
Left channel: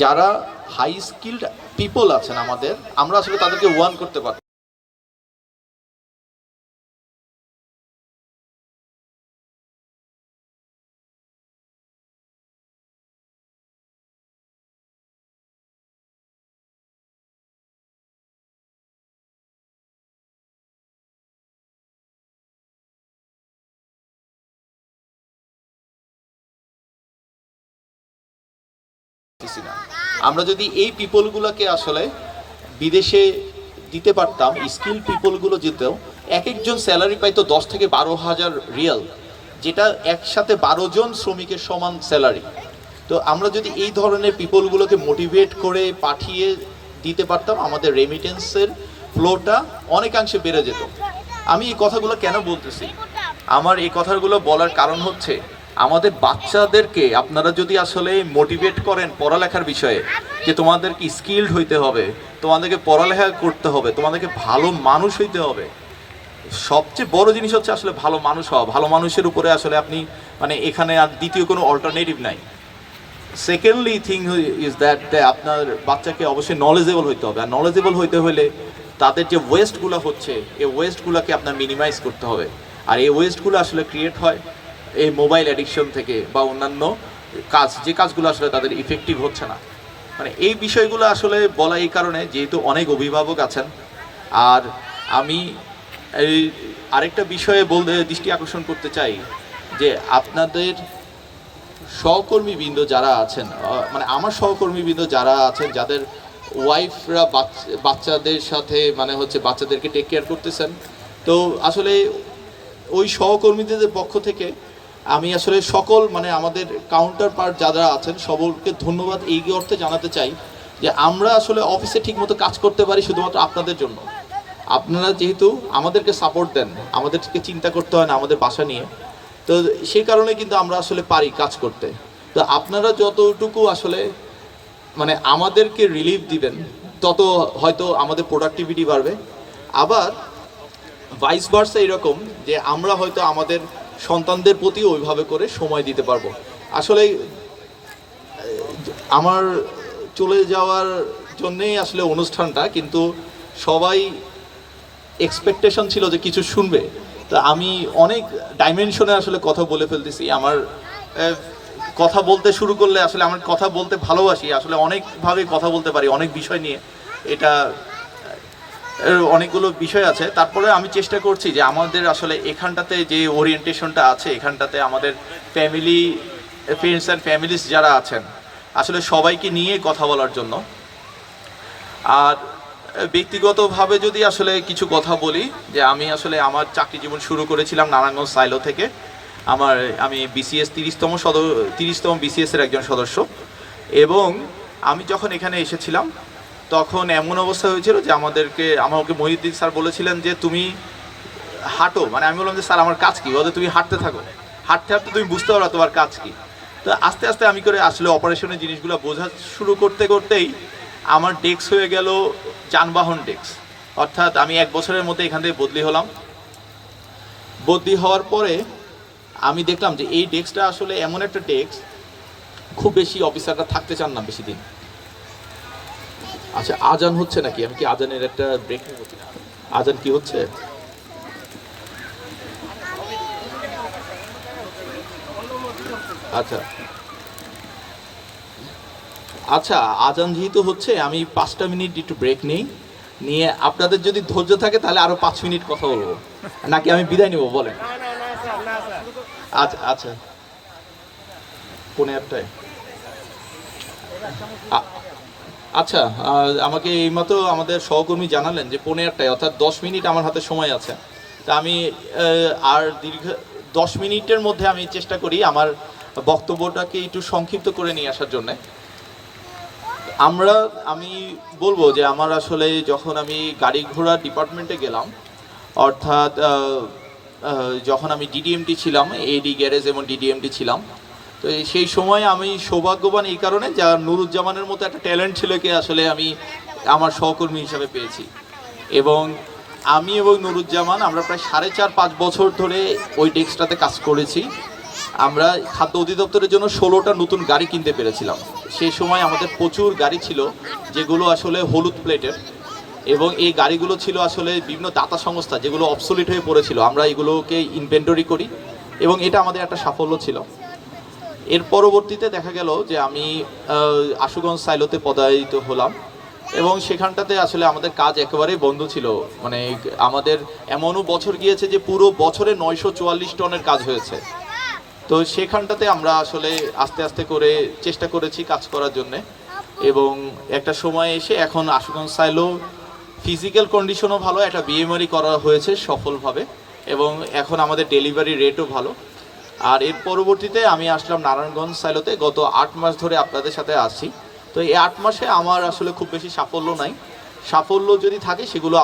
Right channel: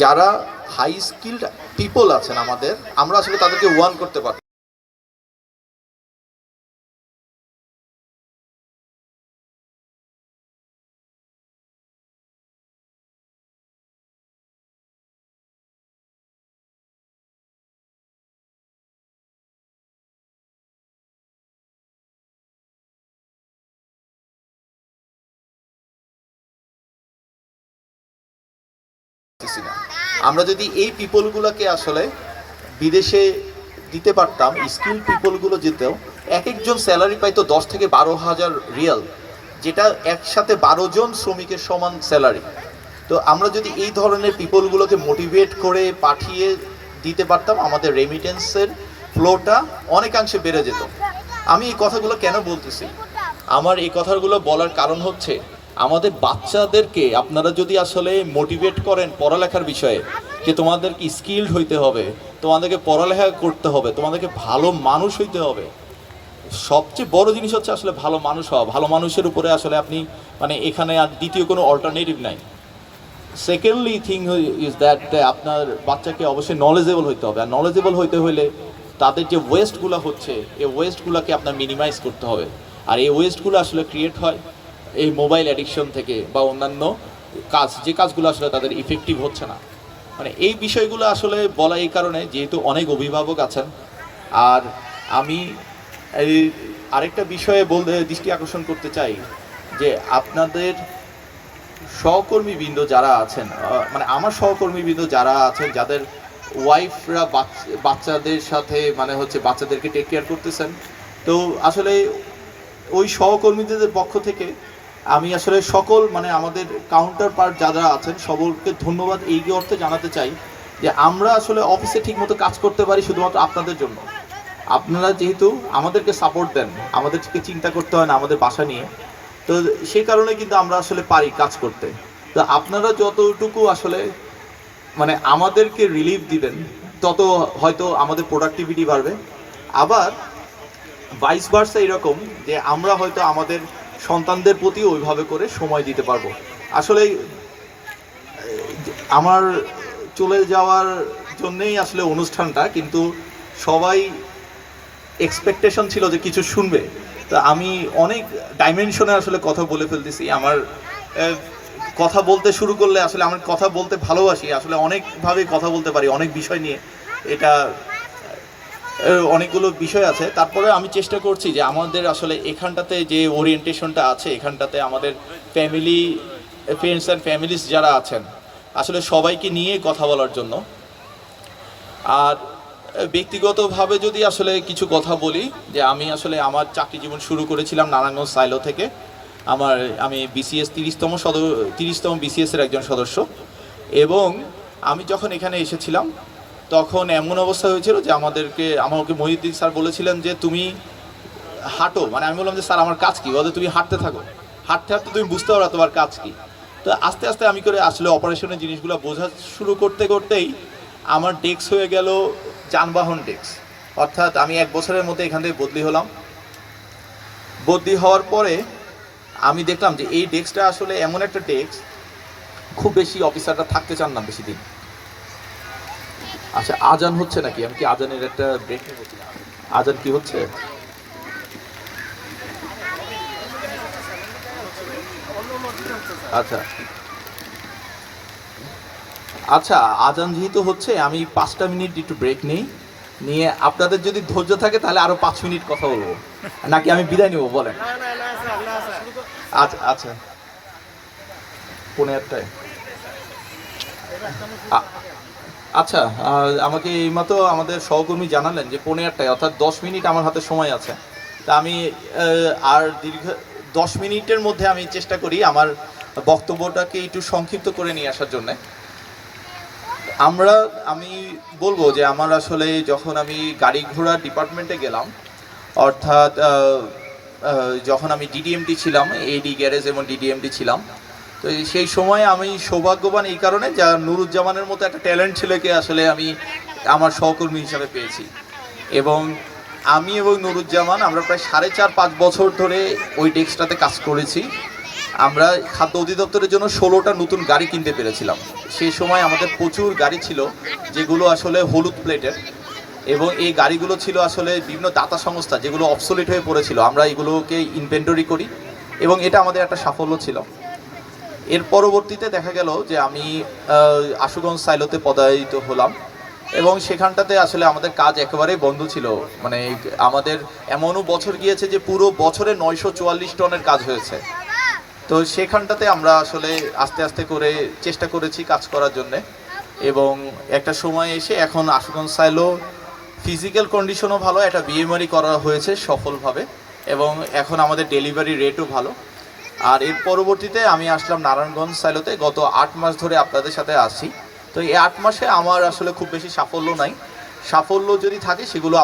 যারা হাই স্কিল্ড পিপল আছেন আমরা আসলে তাদেরকে ওয়ান করতে পারি। আমরা যদি এই পিপলগুলোকে আসলে বিদেশে দিতে পারতাম, স্কিল পিপলগুলো যেতেও একজন স্যালারি পাইতো 10 থেকে 12,000 রিয়াল, যেটা একসাথে 12 জন শ্রমিকের সমান স্যালারি। তো আমরা যদি এই ধরনের পিপলগুলোকে মোটিভেট করে পাঠিয়ে দিতে পারতাম, আমাদের রেমিটেন্সের ফ্লোটা অনেকাংশে বেড়ে যেত। আমি এই কথাগুলো কেন বলতেছি? আমার এই কথাগুলো বলার কারণ হচ্ছে, আমাদের বাচ্চাদেরকে আপনারা যদি আসলে মোটিভেট করেন পড়ালেখার বিষয়ে, যে তোমাদেরকে স্কিলড হইতে হবে, তোমাদেরকে পড়ালেখা করতে হবে, তোমাদেরকে ভালো মানুষ হইতে হবে। সবচেয়ে বড় জিনিস হচ্ছে আসলে ভালো মানুষ হওয়া। ভালো মানুষের উপরে আসলে আপনি এখানে আর দ্বিতীয় কোনো অল্টারনেটিভ নাই। সেকেন্ডলি থিং ইজ দ্যাট আপনার বাচ্চাকে অবশ্যই নলেজেবল হইতে হবে। আর নলেজেবল হইতে হলে তাদের যে ওয়েস্টগুলো হচ্ছে, এই ওয়েস্টগুলোকে আপনার মিনিমাইজ করতে হবে। আর এই ওয়েস্টগুলো আসলে ক্রিয়েট হয় এই মোবাইল অ্যাডিকশন থেকে বা অন্যান্য যে কাজগুলো আসলে তাদের ইফেক্টিভ হচ্ছে না। এই বিষয়গুলো আসলে বলা এই কারণে, যেহেতু অনেক অভিভাবক আছেন। আর আমি এই আরেকটা বিষয়ে দৃষ্টি আকর্ষণ করতে চাই, যে আপনাদের সহকর্মীবৃন্দ যারা আছেন, আমার সহকর্মীবৃন্দ যারা আছেন, যাদের ওয়াইফরা বাচ্চাদের সাথে বাচ্চাদেরকে টেক কেয়ার করতেছেন, তো আসলে ওই সহকর্মীদের পক্ষ থেকে আমি আসলে সকল আমাদের কাউন্টার পার্ট যারা আছেন সকলকে ধন্যবাদ এই অর্থে জানাতে চাই, যে আমরা আসলে অফিসে ঠিকমতো কাজ করতে পারি শুধুমাত্র আপনাদের জন্য। আপনারা যেহেতু আমাদেরকে সাপোর্ট দেন, আমাদেরকে চিন্তা করতে হয় না আমাদের বাসা নিয়ে, তো সেই কারণে কিন্তু আমরা আসলে পারি কাজ করতে। তো আপনারা যতটুকু আসলে আমাদেরকে রিলিফ দিবেন, তত হয়তো আমাদের প্রোডাক্টিভিটি বাড়বে। আবার ভাইস ভার্সা এরকম, যে আমরা হয়তো আমাদের সন্তানদের প্রতি ওইভাবে করে সময় দিতে পারবো। আসলে আমার চলে যাওয়ার জন্যেই আসলে অনুষ্ঠানটা, কিন্তু সবাই এক্সপেকটেশন ছিল যে কিছু শুনবে। তো আমি অনেক ডাইমেনশনে আসলে কথা বলে ফেলতেছি। আমার কথা বলতে শুরু করলে আসলে আমার কথা বলতে ভালোবাসি, আসলে অনেকভাবে কথা বলতে পারি অনেক বিষয় নিয়ে। এটা অনেকগুলো বিষয় আছে। তারপরে আমি চেষ্টা করছি যে আমাদের আসলে এখানটাতে যে ওরিয়েন্টেশনটা আছে, এখানটাতে আমাদের ফ্যামিলি, ফ্রেন্ডস অ্যান্ড ফ্যামিলিস যারা আছেন, আসলে সবাইকে নিয়ে কথা বলার জন্য। আর ব্যক্তিগতভাবে যদি আসলে কিছু কথা বলি, যে আমি আসলে আমার চাকরি জীবন শুরু করেছিলাম নারায়ণগঞ্জ সাইলো থেকে। আমি বিসিএস 30তম বিসিএসের একজন সদস্য। এবং আমি যখন এখানে এসেছিলাম তখন এমন অবস্থা হয়েছিল যে আমাকে মহিউদ্দিন স্যার বলেছিলেন যে তুমি হাঁটো, মানে আমি বললাম যে স্যার আমার কাজ কী, বলতে তুমি হাঁটতে থাকো, হাঁটতে হাঁটতে তুমি বুঝতে পারো তোমার কাজ কী। তো আস্তে আস্তে আমি করে আসলে অপারেশনের জিনিসগুলো বোঝা শুরু করতে করতেই আমার ডেস্ক হয়ে গেল যানবাহন ডেস্ক। অর্থাৎ আমি 1 বছরের মধ্যে এখান থেকে বদলি হলাম। বদলি হওয়ার পরে আমি দেখলাম যে এই ডেস্কটা আসলে এমন একটা ডেস্ক, খুব বেশি অফিসাররা থাকতে চান না বেশি দিন। আচ্ছা, আজান হচ্ছে নাকি? আমি কি আজানের একটা ব্রেক নেব? আজান কি হচ্ছে? আচ্ছা আচ্ছা, আজান যেহেতু হচ্ছে আমি 5টা মিনিট একটু ব্রেক নিয়ে আপনাদের যদি ধৈর্য থাকে তাহলে আরো 5 মিনিট কথা বলবো, নাকি আমি বিদায় নিব বলেন? আচ্ছা আচ্ছা, 1:15টায়। আচ্ছা, আমাকে এইমাত্র আমাদের সহকর্মী জানালেন যে 1:15টায়, অর্থাৎ 10 মিনিট আমার হাতে সময় আছে। তা আমি আর দীর্ঘ 10 মিনিটের মধ্যে আমি চেষ্টা করি আমার বক্তব্যটাকে একটু সংক্ষিপ্ত করে নিয়ে আসার জন্যে। আমি বলবো যে আমার আসলে যখন আমি গাড়ি ঘোড়া ডিপার্টমেন্টে গেলাম, অর্থাৎ যখন আমি ডিডিএমটি ছিলাম, এডি গ্যারেজ এবং ডিডিএমটি ছিলাম, তো সেই সময় আমি সৌভাগ্যবান এই কারণে যা নুরুজ্জামানের মতো একটা ট্যালেন্ট ছেলেকে আসলে আমি আমার সহকর্মী হিসাবে পেয়েছি। এবং আমি এবং নুরুজ্জামান আমরা প্রায় 4.5-5 বছর ধরে ওই ডেস্কটাতে কাজ করেছি। আমরা খাদ্য অধিদপ্তরের জন্য 16টা নতুন গাড়ি কিনতে পেরেছিলাম। সেই সময় আমাদের প্রচুর গাড়ি ছিল যেগুলো আসলে হলুদ প্লেটের, এবং এই গাড়িগুলো ছিল আসলে বিভিন্ন দাতা সংস্থা যেগুলো অবসোলিট হয়ে পড়েছিল। আমরা এগুলোকে ইনভেন্টরি করি এবং এটা আমাদের একটা সাফল্য ছিল। এর পরবর্তীতে দেখা গেল যে আমি আশুগঞ্জ সাইলোতে পদায়িত হলাম এবং সেখানটাতে আসলে আমাদের কাজ একেবারেই বন্ধ ছিল। মানে আমাদের এমনও বছর গিয়েছে যে পুরো বছরে 944 টনের কাজ হয়েছে। তো সেখানটাতে আমরা আসলে আস্তে আস্তে করে চেষ্টা করেছি কাজ করার জন্যে, এবং একটা সময় এসে এখন আশুগঞ্জ সাইলো ফিজিক্যাল কন্ডিশনও ভালো, একটা বিএমআরই করা হয়েছে সফলভাবে, এবং এখন আমাদের ডেলিভারি রেটও ভালো। আর এর পরবর্তীতে আমি আসলাম নারায়ণগঞ্জ সাইলোতে, গত 8 মাস ধরে আপনাদের সাথে আসি। তো এই 8 মাসে আমার আসলে খুব বেশি সাফল্য নাই। সাফল্য যদি থাকে সেগুলো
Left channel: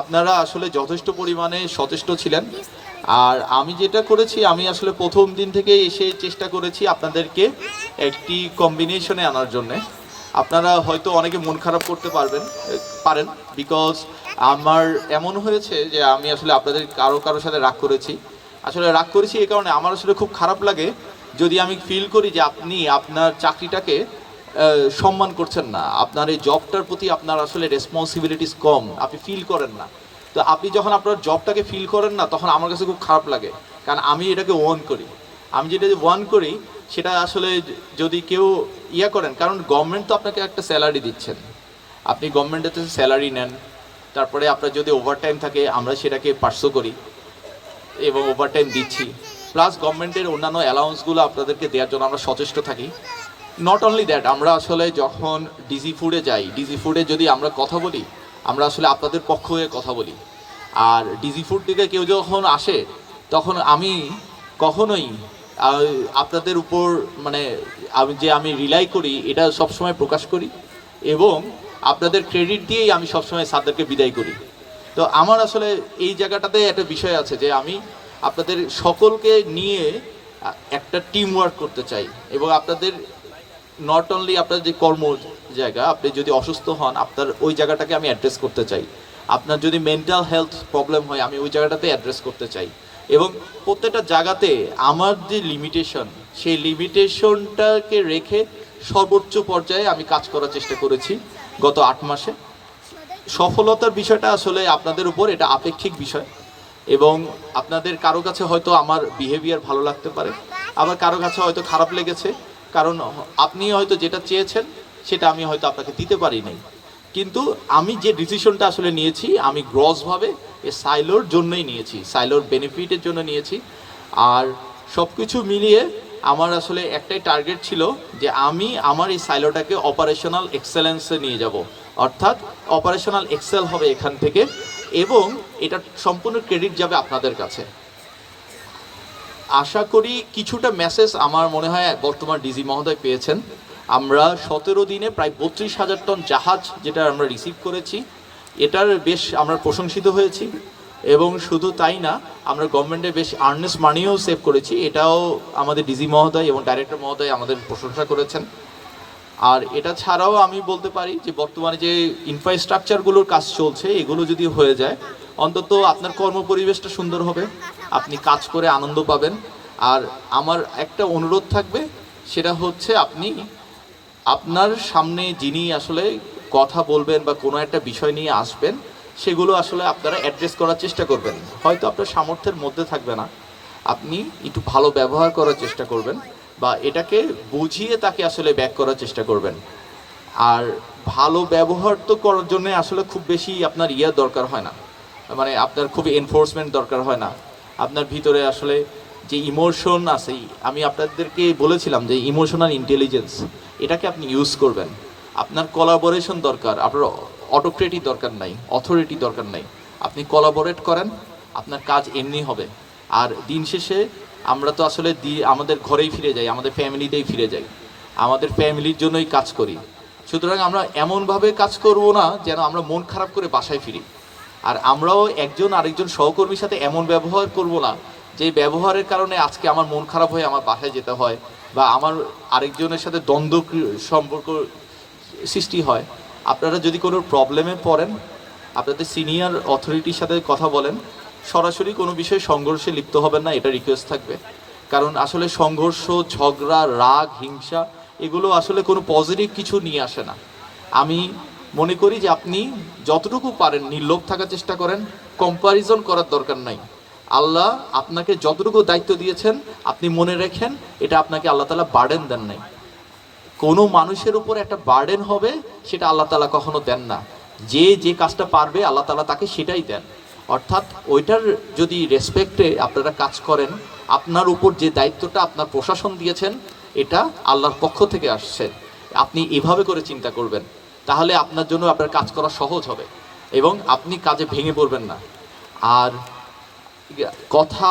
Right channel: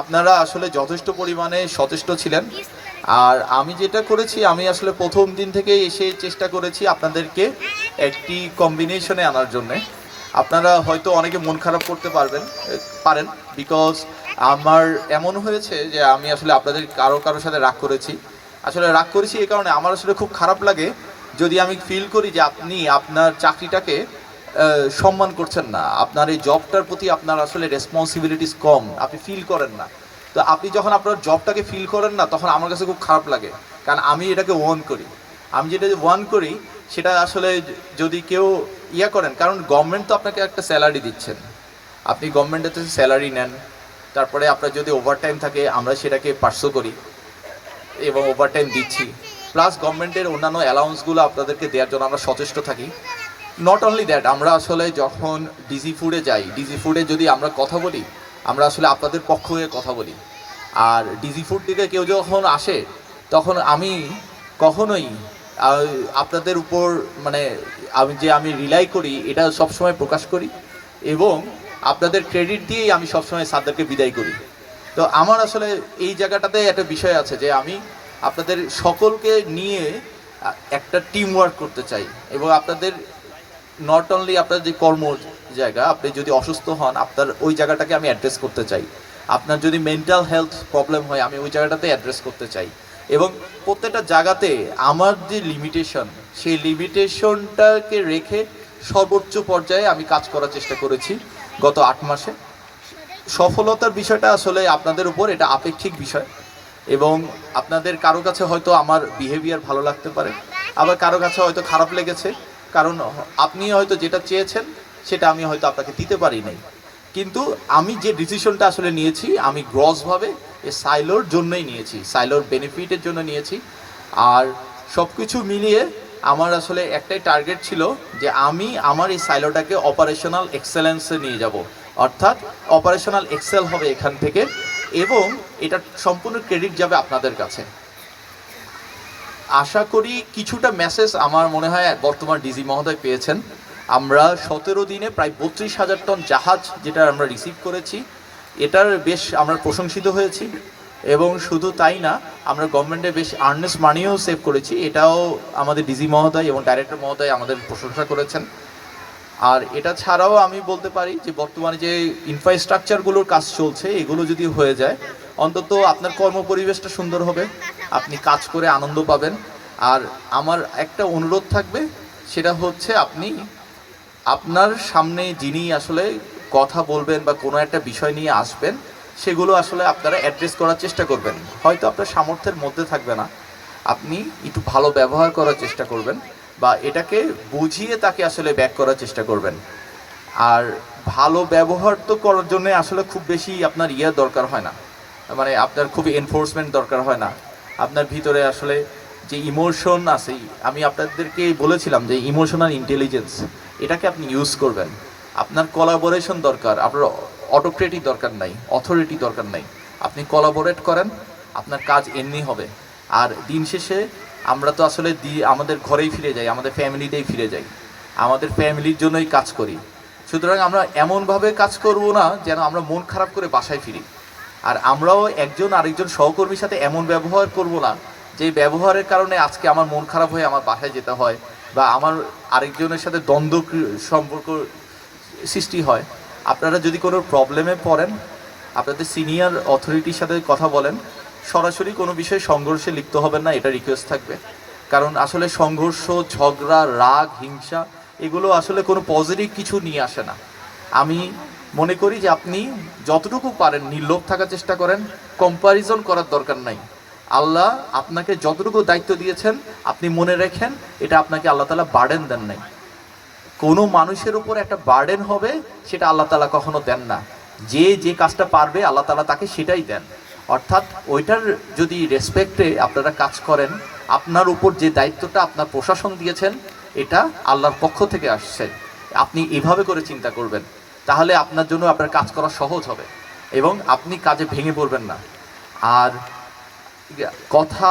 আপনারা আসলে যথেষ্ট পরিমাণে সচেষ্ট ছিলেন। আর আমি যেটা করেছি, আমি আসলে প্রথম দিন থেকে এসে চেষ্টা করেছি আপনাদেরকে একটি কম্বিনেশনে আনার জন্যে। আপনারা হয়তো অনেকে মন খারাপ করতে পারেন, বিকজ আমার এমন হয়েছে যে আমি আসলে আপনাদের কারোর সাথে রাগ করেছি। আসলে রাগ করেছি এই কারণে আমার আসলে খুব খারাপ লাগে যদি আমি ফিল করি যে আপনি আপনার চাকরিটাকে সম্মান করছেন না, আপনার এই জবটার প্রতি আপনার আসলে রেসপন্সিবিলিটিস কম, আপনি ফিল করেন না। তো আপনি যখন আপনার জবটাকে ফিল করেন না, তখন আমার কাছে খুব খারাপ লাগে, কারণ আমি এটাকে ওয়ান করি। আমি যেটা ওয়ান করি সেটা আসলে যদি কেউ করেন, কারণ গভর্নমেন্ট তো আপনাকে একটা স্যালারি দিচ্ছেন, আপনি গভর্নমেন্টের থেকে স্যালারি নেন, তারপরে আপনার যদি ওভারটাইম থাকে আমরা সেটাকে পার্সো করি এবং ওভারটাইম দিচ্ছি, প্লাস গভর্নমেন্টের অন্যান্য অ্যালাউন্সগুলো আপনাদেরকে দেওয়ার জন্য আমরা সচেষ্ট থাকি। নট অনলি দ্যাট, আমরা আসলে যখন ডিজি ফুডে যাই, ডিজি ফুডে যদি আমরা কথা বলি, আমরা আসলে আপনাদের পক্ষ হয়ে কথা বলি। আর ডিজি ফুড থেকে কেউ যখন আসে, তখন আমি কখনোই আপনাদের উপর মানে আমি রিলাই করি এটা সবসময় প্রকাশ করি, এবং আপনাদের ক্রেডিট দিয়েই আমি সবসময় স্যারদেরকে বিদায় করি। তো আমার আসলে এই জায়গাটাতে একটা বিষয় আছে যে আমি আপনাদের সকলকে নিয়ে একটা টিম ওয়ার্ক করতে চাই, এবং আপনাদের নট অনলি আপনার যে কর্ম জায়গা, আপনি যদি অসুস্থ হন আপনার ওই জায়গাটাকে আমি অ্যাড্রেস করতে চাই, আপনার যদি মেন্টাল হেলথ প্রবলেম হয় আমি ওই জায়গাটাতে অ্যাড্রেস করতে চাই, এবং প্রত্যেকটা জায়গাতে আমার যে লিমিটেশন সেই লিমিটেশনটাকে রেখে সর্বোচ্চ পর্যায়ে আমি কাজ করার চেষ্টা করেছি গত 8 মাসে। সফলতার বিষয়টা আসলে আপনাদের উপর, এটা আপেক্ষিক বিষয়, এবং আপনাদের কারো কাছে হয়তো আমার বিহেভিয়ার ভালো লাগতে পারে, আবার কারো কাছে হয়তো খারাপ লেগেছে, কারণ আপনি হয়তো যেটা চেয়েছেন সেটা আমি হয়তো আপনাকে দিতে পারি নাই। কিন্তু আমি যে ডিসিশনটা আসলে নিয়েছি, আমি গ্রসভাবে এই সাইলোর জন্যই নিয়েছি, সাইলোর বেনিফিটের জন্য নিয়েছি। আর সব কিছু মিলিয়ে আমার আসলে একটাই টার্গেট ছিল যে আমি আমার এই সাইলোটাকে অপারেশনাল এক্সেলেন্সে নিয়ে যাব, অর্থাৎ অপারেশনাল এক্সেল হবে এখান থেকে, এবং এটা সম্পূর্ণ ক্রেডিট যাবে আপনাদের কাছে। আশা করি কিছুটা মেসেজ আমার মনে হয় বর্তমান ডিজি মহোদয় পেয়েছেন। আমরা 17 দিনে প্রায় 32,000 টন জাহাজ যেটা আমরা রিসিভ করেছি, এটার বেশ আমরা প্রশংসিত হয়েছি। এবং শুধু তাই না, আমরা গভর্নমেন্টে বেশ আর্নেস্ট মানিও সেভ করেছি, এটাও আমাদের ডিজি মহোদয় এবং ডাইরেক্টর মহোদয় আমাদের প্রশংসা করেছেন। আর এটা ছাড়াও আমি বলতে পারি যে বর্তমানে যে ইনফ্রাস্ট্রাকচারগুলোর কাজ চলছে, এগুলো যদি হয়ে যায়, অন্তত আপনার কর্মপরিবেশটা সুন্দর হবে, আপনি কাজ করে আনন্দ পাবেন। আর আমার একটা অনুরোধ থাকবে, সেটা হচ্ছে আপনি আপনার সামনে যিনি আসলে কথা বলবেন বা কোনো একটা বিষয় নিয়ে আসবেন, সেগুলো আসলে আপনারা অ্যাড্রেস করার চেষ্টা করবেন। হয়তো আপনার সামর্থ্যের মধ্যে থাকবে না, আপনি একটু ভালো ব্যবহার করার চেষ্টা করবেন বা এটাকে বুঝিয়ে তাকে আসলে ব্যাক করার চেষ্টা করবেন। আর ভালো ব্যবহার তো করার জন্য আসলে খুব বেশি আপনার দরকার হয় না, মানে আপনার খুব এনফোর্সমেন্ট দরকার হয় না। আপনার ভিতরে আসলে যে ইমোশন আছে, আমি আপনাদেরকে বলেছিলাম যে ইমোশনাল ইন্টেলিজেন্স, এটাকে আপনি ইউজ করবেন। আপনার কোলাবোরেশন দরকার, আপনার অটোক্রেটিক দরকার নাই, অথরিটি দরকার নাই। আপনি কোলাবোরেট করেন, আপনার কাজ এমনি হবে। আর দিন শেষে আমরা তো আসলে আমাদের ঘরেই ফিরে যাই, আমাদের ফ্যামিলিতেই ফিরে যাই, আমাদের ফ্যামিলির জন্যই কাজ করি। সুতরাং আমরা এমনভাবে কাজ করব না যেন আমরা মন খারাপ করে বাসায় ফিরি। আর আমরাও একজন আরেকজন সহকর্মীর সাথে এমন ব্যবহার করব না যে ব্যবহারের কারণে আজকে আমার মন খারাপ হয়ে আমার বাসায় যেতে হয় বা আমার আরেকজনের সাথে দ্বন্দ্ব সম্পর্ক সৃষ্টি হয়। আপনারা যদি কোনো প্রবলেমে পড়েন, আপনাদের সিনিয়র অথরিটির সাথে কথা বলেন, সরাসরি কোনো বিষয়ে সংঘর্ষে লিপ্ত হবেন না, এটা রিকোয়েস্ট থাকবে। কারণ আসলে সংঘর্ষ, ঝগড়া, রাগ, হিংসা এগুলো আসলে কোনো পজিটিভ কিছু নিয়ে আসে না। আমি মনে করি যে আপনি যতটুকু পারেন নির্লোভ থাকার চেষ্টা করেন, কম্প্যারিজন করার দরকার নাই। আল্লাহ আপনাকে যতটুকু দায়িত্ব দিয়েছেন আপনি মনে রাখেন, এটা আপনাকে আল্লাহ তাআলা বার্ডেন দেন নাই। কোনো মানুষের উপর একটা বার্ডেন হবে সেটা আল্লাহ তাআলা কখনো দেন না। যে যে কাজটা পারবে আল্লাহ তাআলা তাকে সেটাই দেন। অর্থাৎ ওইটার যদি রেসপেক্টে আপনারা কাজ করেন, আপনার উপর যে দায়িত্বটা আপনার প্রশাসন দিয়েছেন এটা আল্লাহর পক্ষ থেকে আসছে, আপনি এভাবে করে চিন্তা করবেন, তাহলে আপনার জন্য আপনার কাজ করা সহজ হবে এবং আপনি কাজে ভেঙে পড়বেন না। আর কথা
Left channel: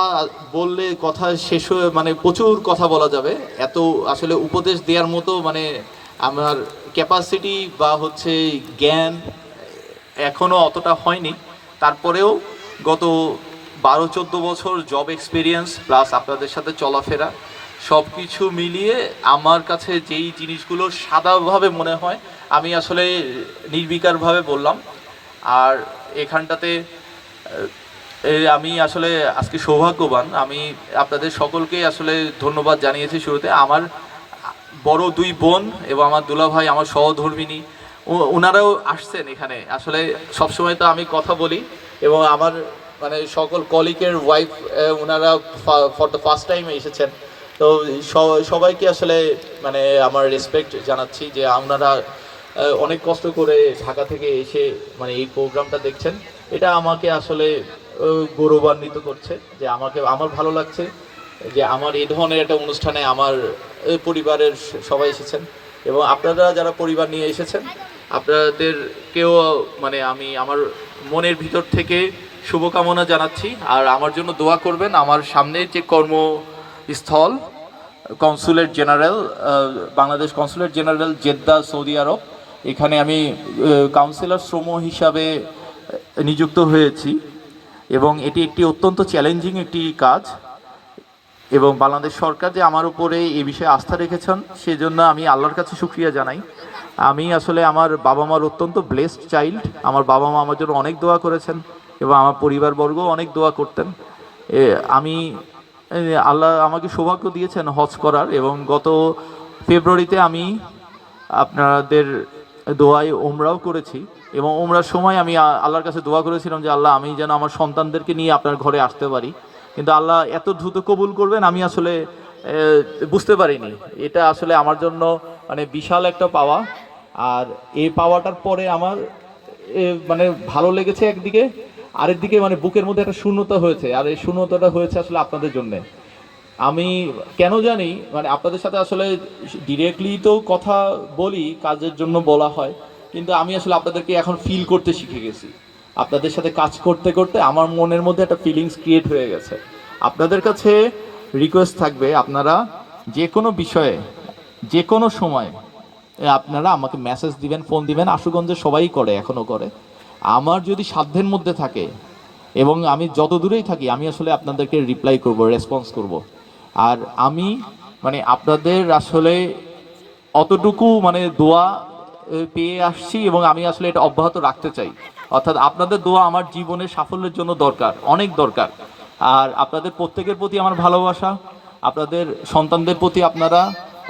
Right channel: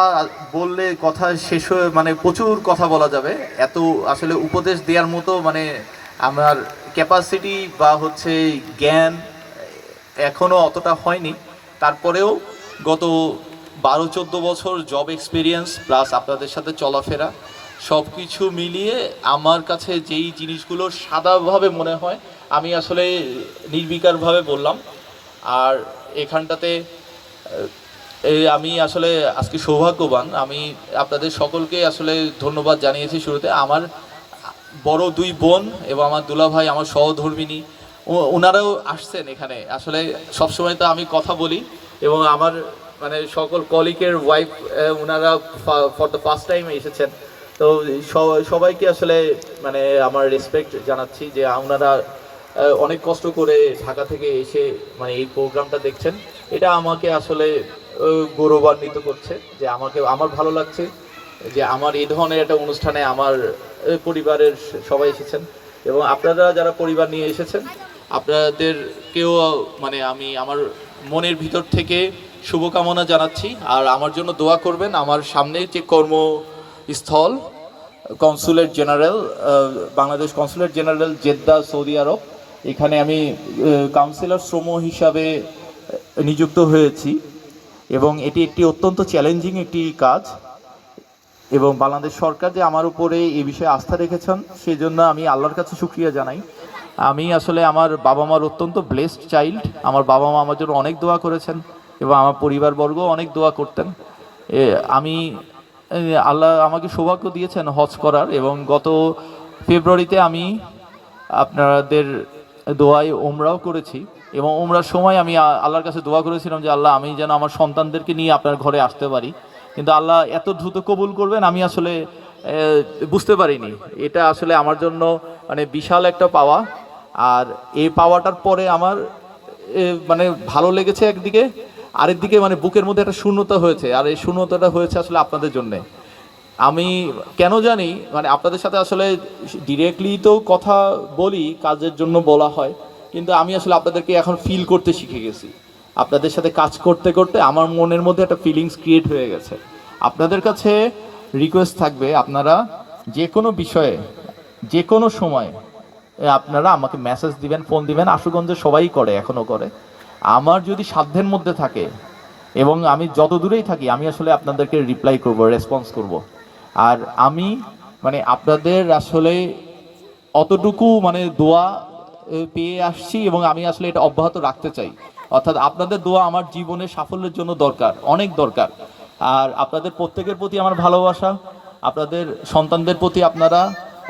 বললে কথা শেষ হয়ে মানে প্রচুর কথা বলা যাবে, এত আসলে উপদেশ দেওয়ার মতো মানে আমার ক্যাপাসিটি বা হচ্ছে জ্ঞান এখনও অতটা হয়নি। তারপরেও গত 12-14 বছর জব এক্সপিরিয়েন্স প্লাস আপনাদের সাথে চলাফেরা সব কিছু মিলিয়ে আমার কাছে যেই জিনিসগুলো সাদাভাবে মনে হয় আমি আসলে নির্বিকারভাবে বললাম। আর এখানটাতে আমি আসলে আজকে সৌভাগ্যবান, আমি আপনাদের সকলকে আসলে ধন্যবাদ জানিয়েছি শুরুতে। আমার বড় 2 বোন এবং আমার দুলাভাই, আমার সহধর্মিনী, ওনারাও আসছেন এখানে। আসলে সবসময় তো আমি কথা বলি এবং আমার মানে সকল কলিগের ওয়াইফ ওনারা ফর দ্য ফার্স্ট টাইম এসেছেন। তো সবাইকে আসলে মানে আমার রেসপেক্ট জানাচ্ছি যে আপনারা অনেক কষ্ট করে ঢাকা থেকে এসে মানে এই প্রোগ্রামটা দেখছেন। এটা আমাকে আসলে গৌরবান্বিত করছে যে আমার ভালো লাগছে যে আমার এই ধরনের একটা অনুষ্ঠানে আমার পরিবারের সবাই এসেছেন এবং আপনারা যারা পরিবার নিয়ে এসেছেন আপনাদেরকেও মানে আমি আমার মনের ভিতর থেকে শুভকামনা জানাচ্ছি। আর আমার জন্য দোয়া করবেন। আমার সামনে যে কর্মস্থল consulate general, Bangladesh consulate general Jeddah, Saudi আরব, এখানে আমি কাউন্সিলর শ্রম হিসাবে নিযুক্ত হয়েছি এবং এটি একটি অত্যন্ত চ্যালেঞ্জিং একটি কাজ এবং বাংলাদেশ সরকার যে আমার উপরে এই বিষয়ে আস্থা রেখেছেন সেজন্য আমি আল্লাহর কাছে শুকরিয়া জানাই। আমি আসলে আমার বাবা মার অত্যন্ত ব্লেসড চাইল্ড। আমার বাবা মা আমার জন্য অনেক দোয়া করেছেন এবং আমার পরিবারবর্গ অনেক দোয়া করতেন। আমি আল্লাহ আমাকে সৌভাগ্য দিয়েছেন হজ করার এবং গত ফেব্রুয়ারিতে আমি আপনাদের দোয়ায় ওমরাও করেছি এবং ওমরার সময় আমি আল্লাহর কাছে দোয়া করেছিলাম যে আল্লাহ আমি যেন আমার সন্তানদেরকে নিয়ে আপনার ঘরে আসতে পারি, কিন্তু আল্লাহ এত দ্রুত কবুল করবেন আমি আসলে বুঝতে পারিনি। এটা আসলে আমার জন্য মানে বিশাল একটা পাওয়া। আর এই পাওয়াটার পরে আমার মানে ভালো লেগেছে একদিকে, আরেকদিকে মানে বুকের মধ্যে একটা শূন্যতা হয়েছে। আর এই শূন্যতাটা হয়েছে আসলে আপনাদের জন্যে। আমি কেন জানি মানে আপনাদের সাথে আসলে ডিরেক্টলি তো কথা বলি, কাজের জন্য বলা হয়, কিন্তু আমি আসলে আপনাদেরকে এখন ফিল করতে শিখে গেছি। আপনাদের সাথে কাজ করতে করতে আমার মনের মধ্যে একটা ফিলিংস ক্রিয়েট হয়ে গেছে। আপনাদের কাছে রিকোয়েস্ট থাকবে আপনারা যে কোনো বিষয়ে যে কোনো সময় আপনারা আমাকে মেসেজ দিবেন, ফোন দিবেন। আশুগঞ্জে সবাই করে, এখনও করে। আমার যদি সাধ্যের মধ্যে থাকে এবং আমি যত দূরেই থাকি, আমি আসলে আপনাদেরকে রিপ্লাই করব, রেসপন্স করব। আর আমি মানে আপনাদের আসলে অতটুকু মানে দোয়া পেয়ে আসছি এবং আমি আসলে এটা অব্যাহত রাখতে চাই। অর্থাৎ আপনাদের দোয়া আমার জীবনের সাফল্যের জন্য দরকার, অনেক দরকার। আর আপনাদের প্রত্যেকের প্রতি আমার ভালোবাসা। আপনাদের সন্তানদের প্রতি আপনারা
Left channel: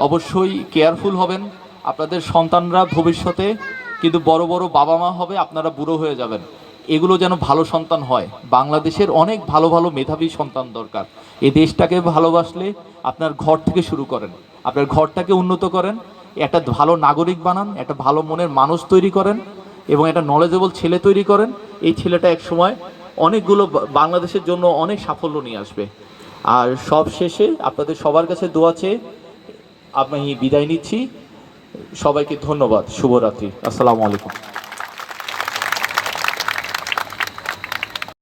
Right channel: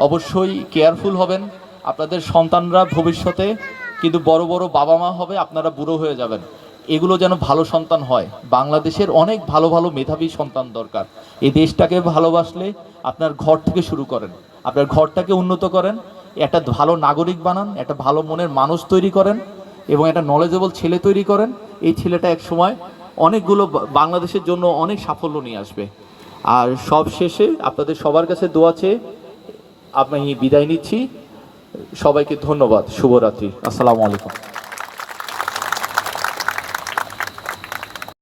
অবশ্যই কেয়ারফুল হবেন। আপনাদের সন্তানরা ভবিষ্যতে কিন্তু বড় বড় বাবা মা হবে, আপনারা বুড়ো হয়ে যাবেন। এগুলো যেন ভালো সন্তান হয়। বাংলাদেশের অনেক ভালো ভালো মেধাবী সন্তান দরকার। এই দেশটাকে ভালোবাসলে আপনার ঘর থেকে শুরু করেন, আপনার ঘরটাকে উন্নত করেন, একটা ভালো নাগরিক বানান, একটা ভালো মনের মানুষ তৈরি করেন এবং একটা নলেজেবল ছেলে তৈরি করেন। এই ছেলেটা এক সময় অনেকগুলো বাংলাদেশের জন্য অনেক সাফল্য নিয়ে আসবে। আর সব শেষে আপনাদের সবার কাছে দোয়া চেয়ে আমি বিদায় নিচ্ছি। সবাইকে ধন্যবাদ। শুভরাত্রি। আসসালামু আলাইকুম।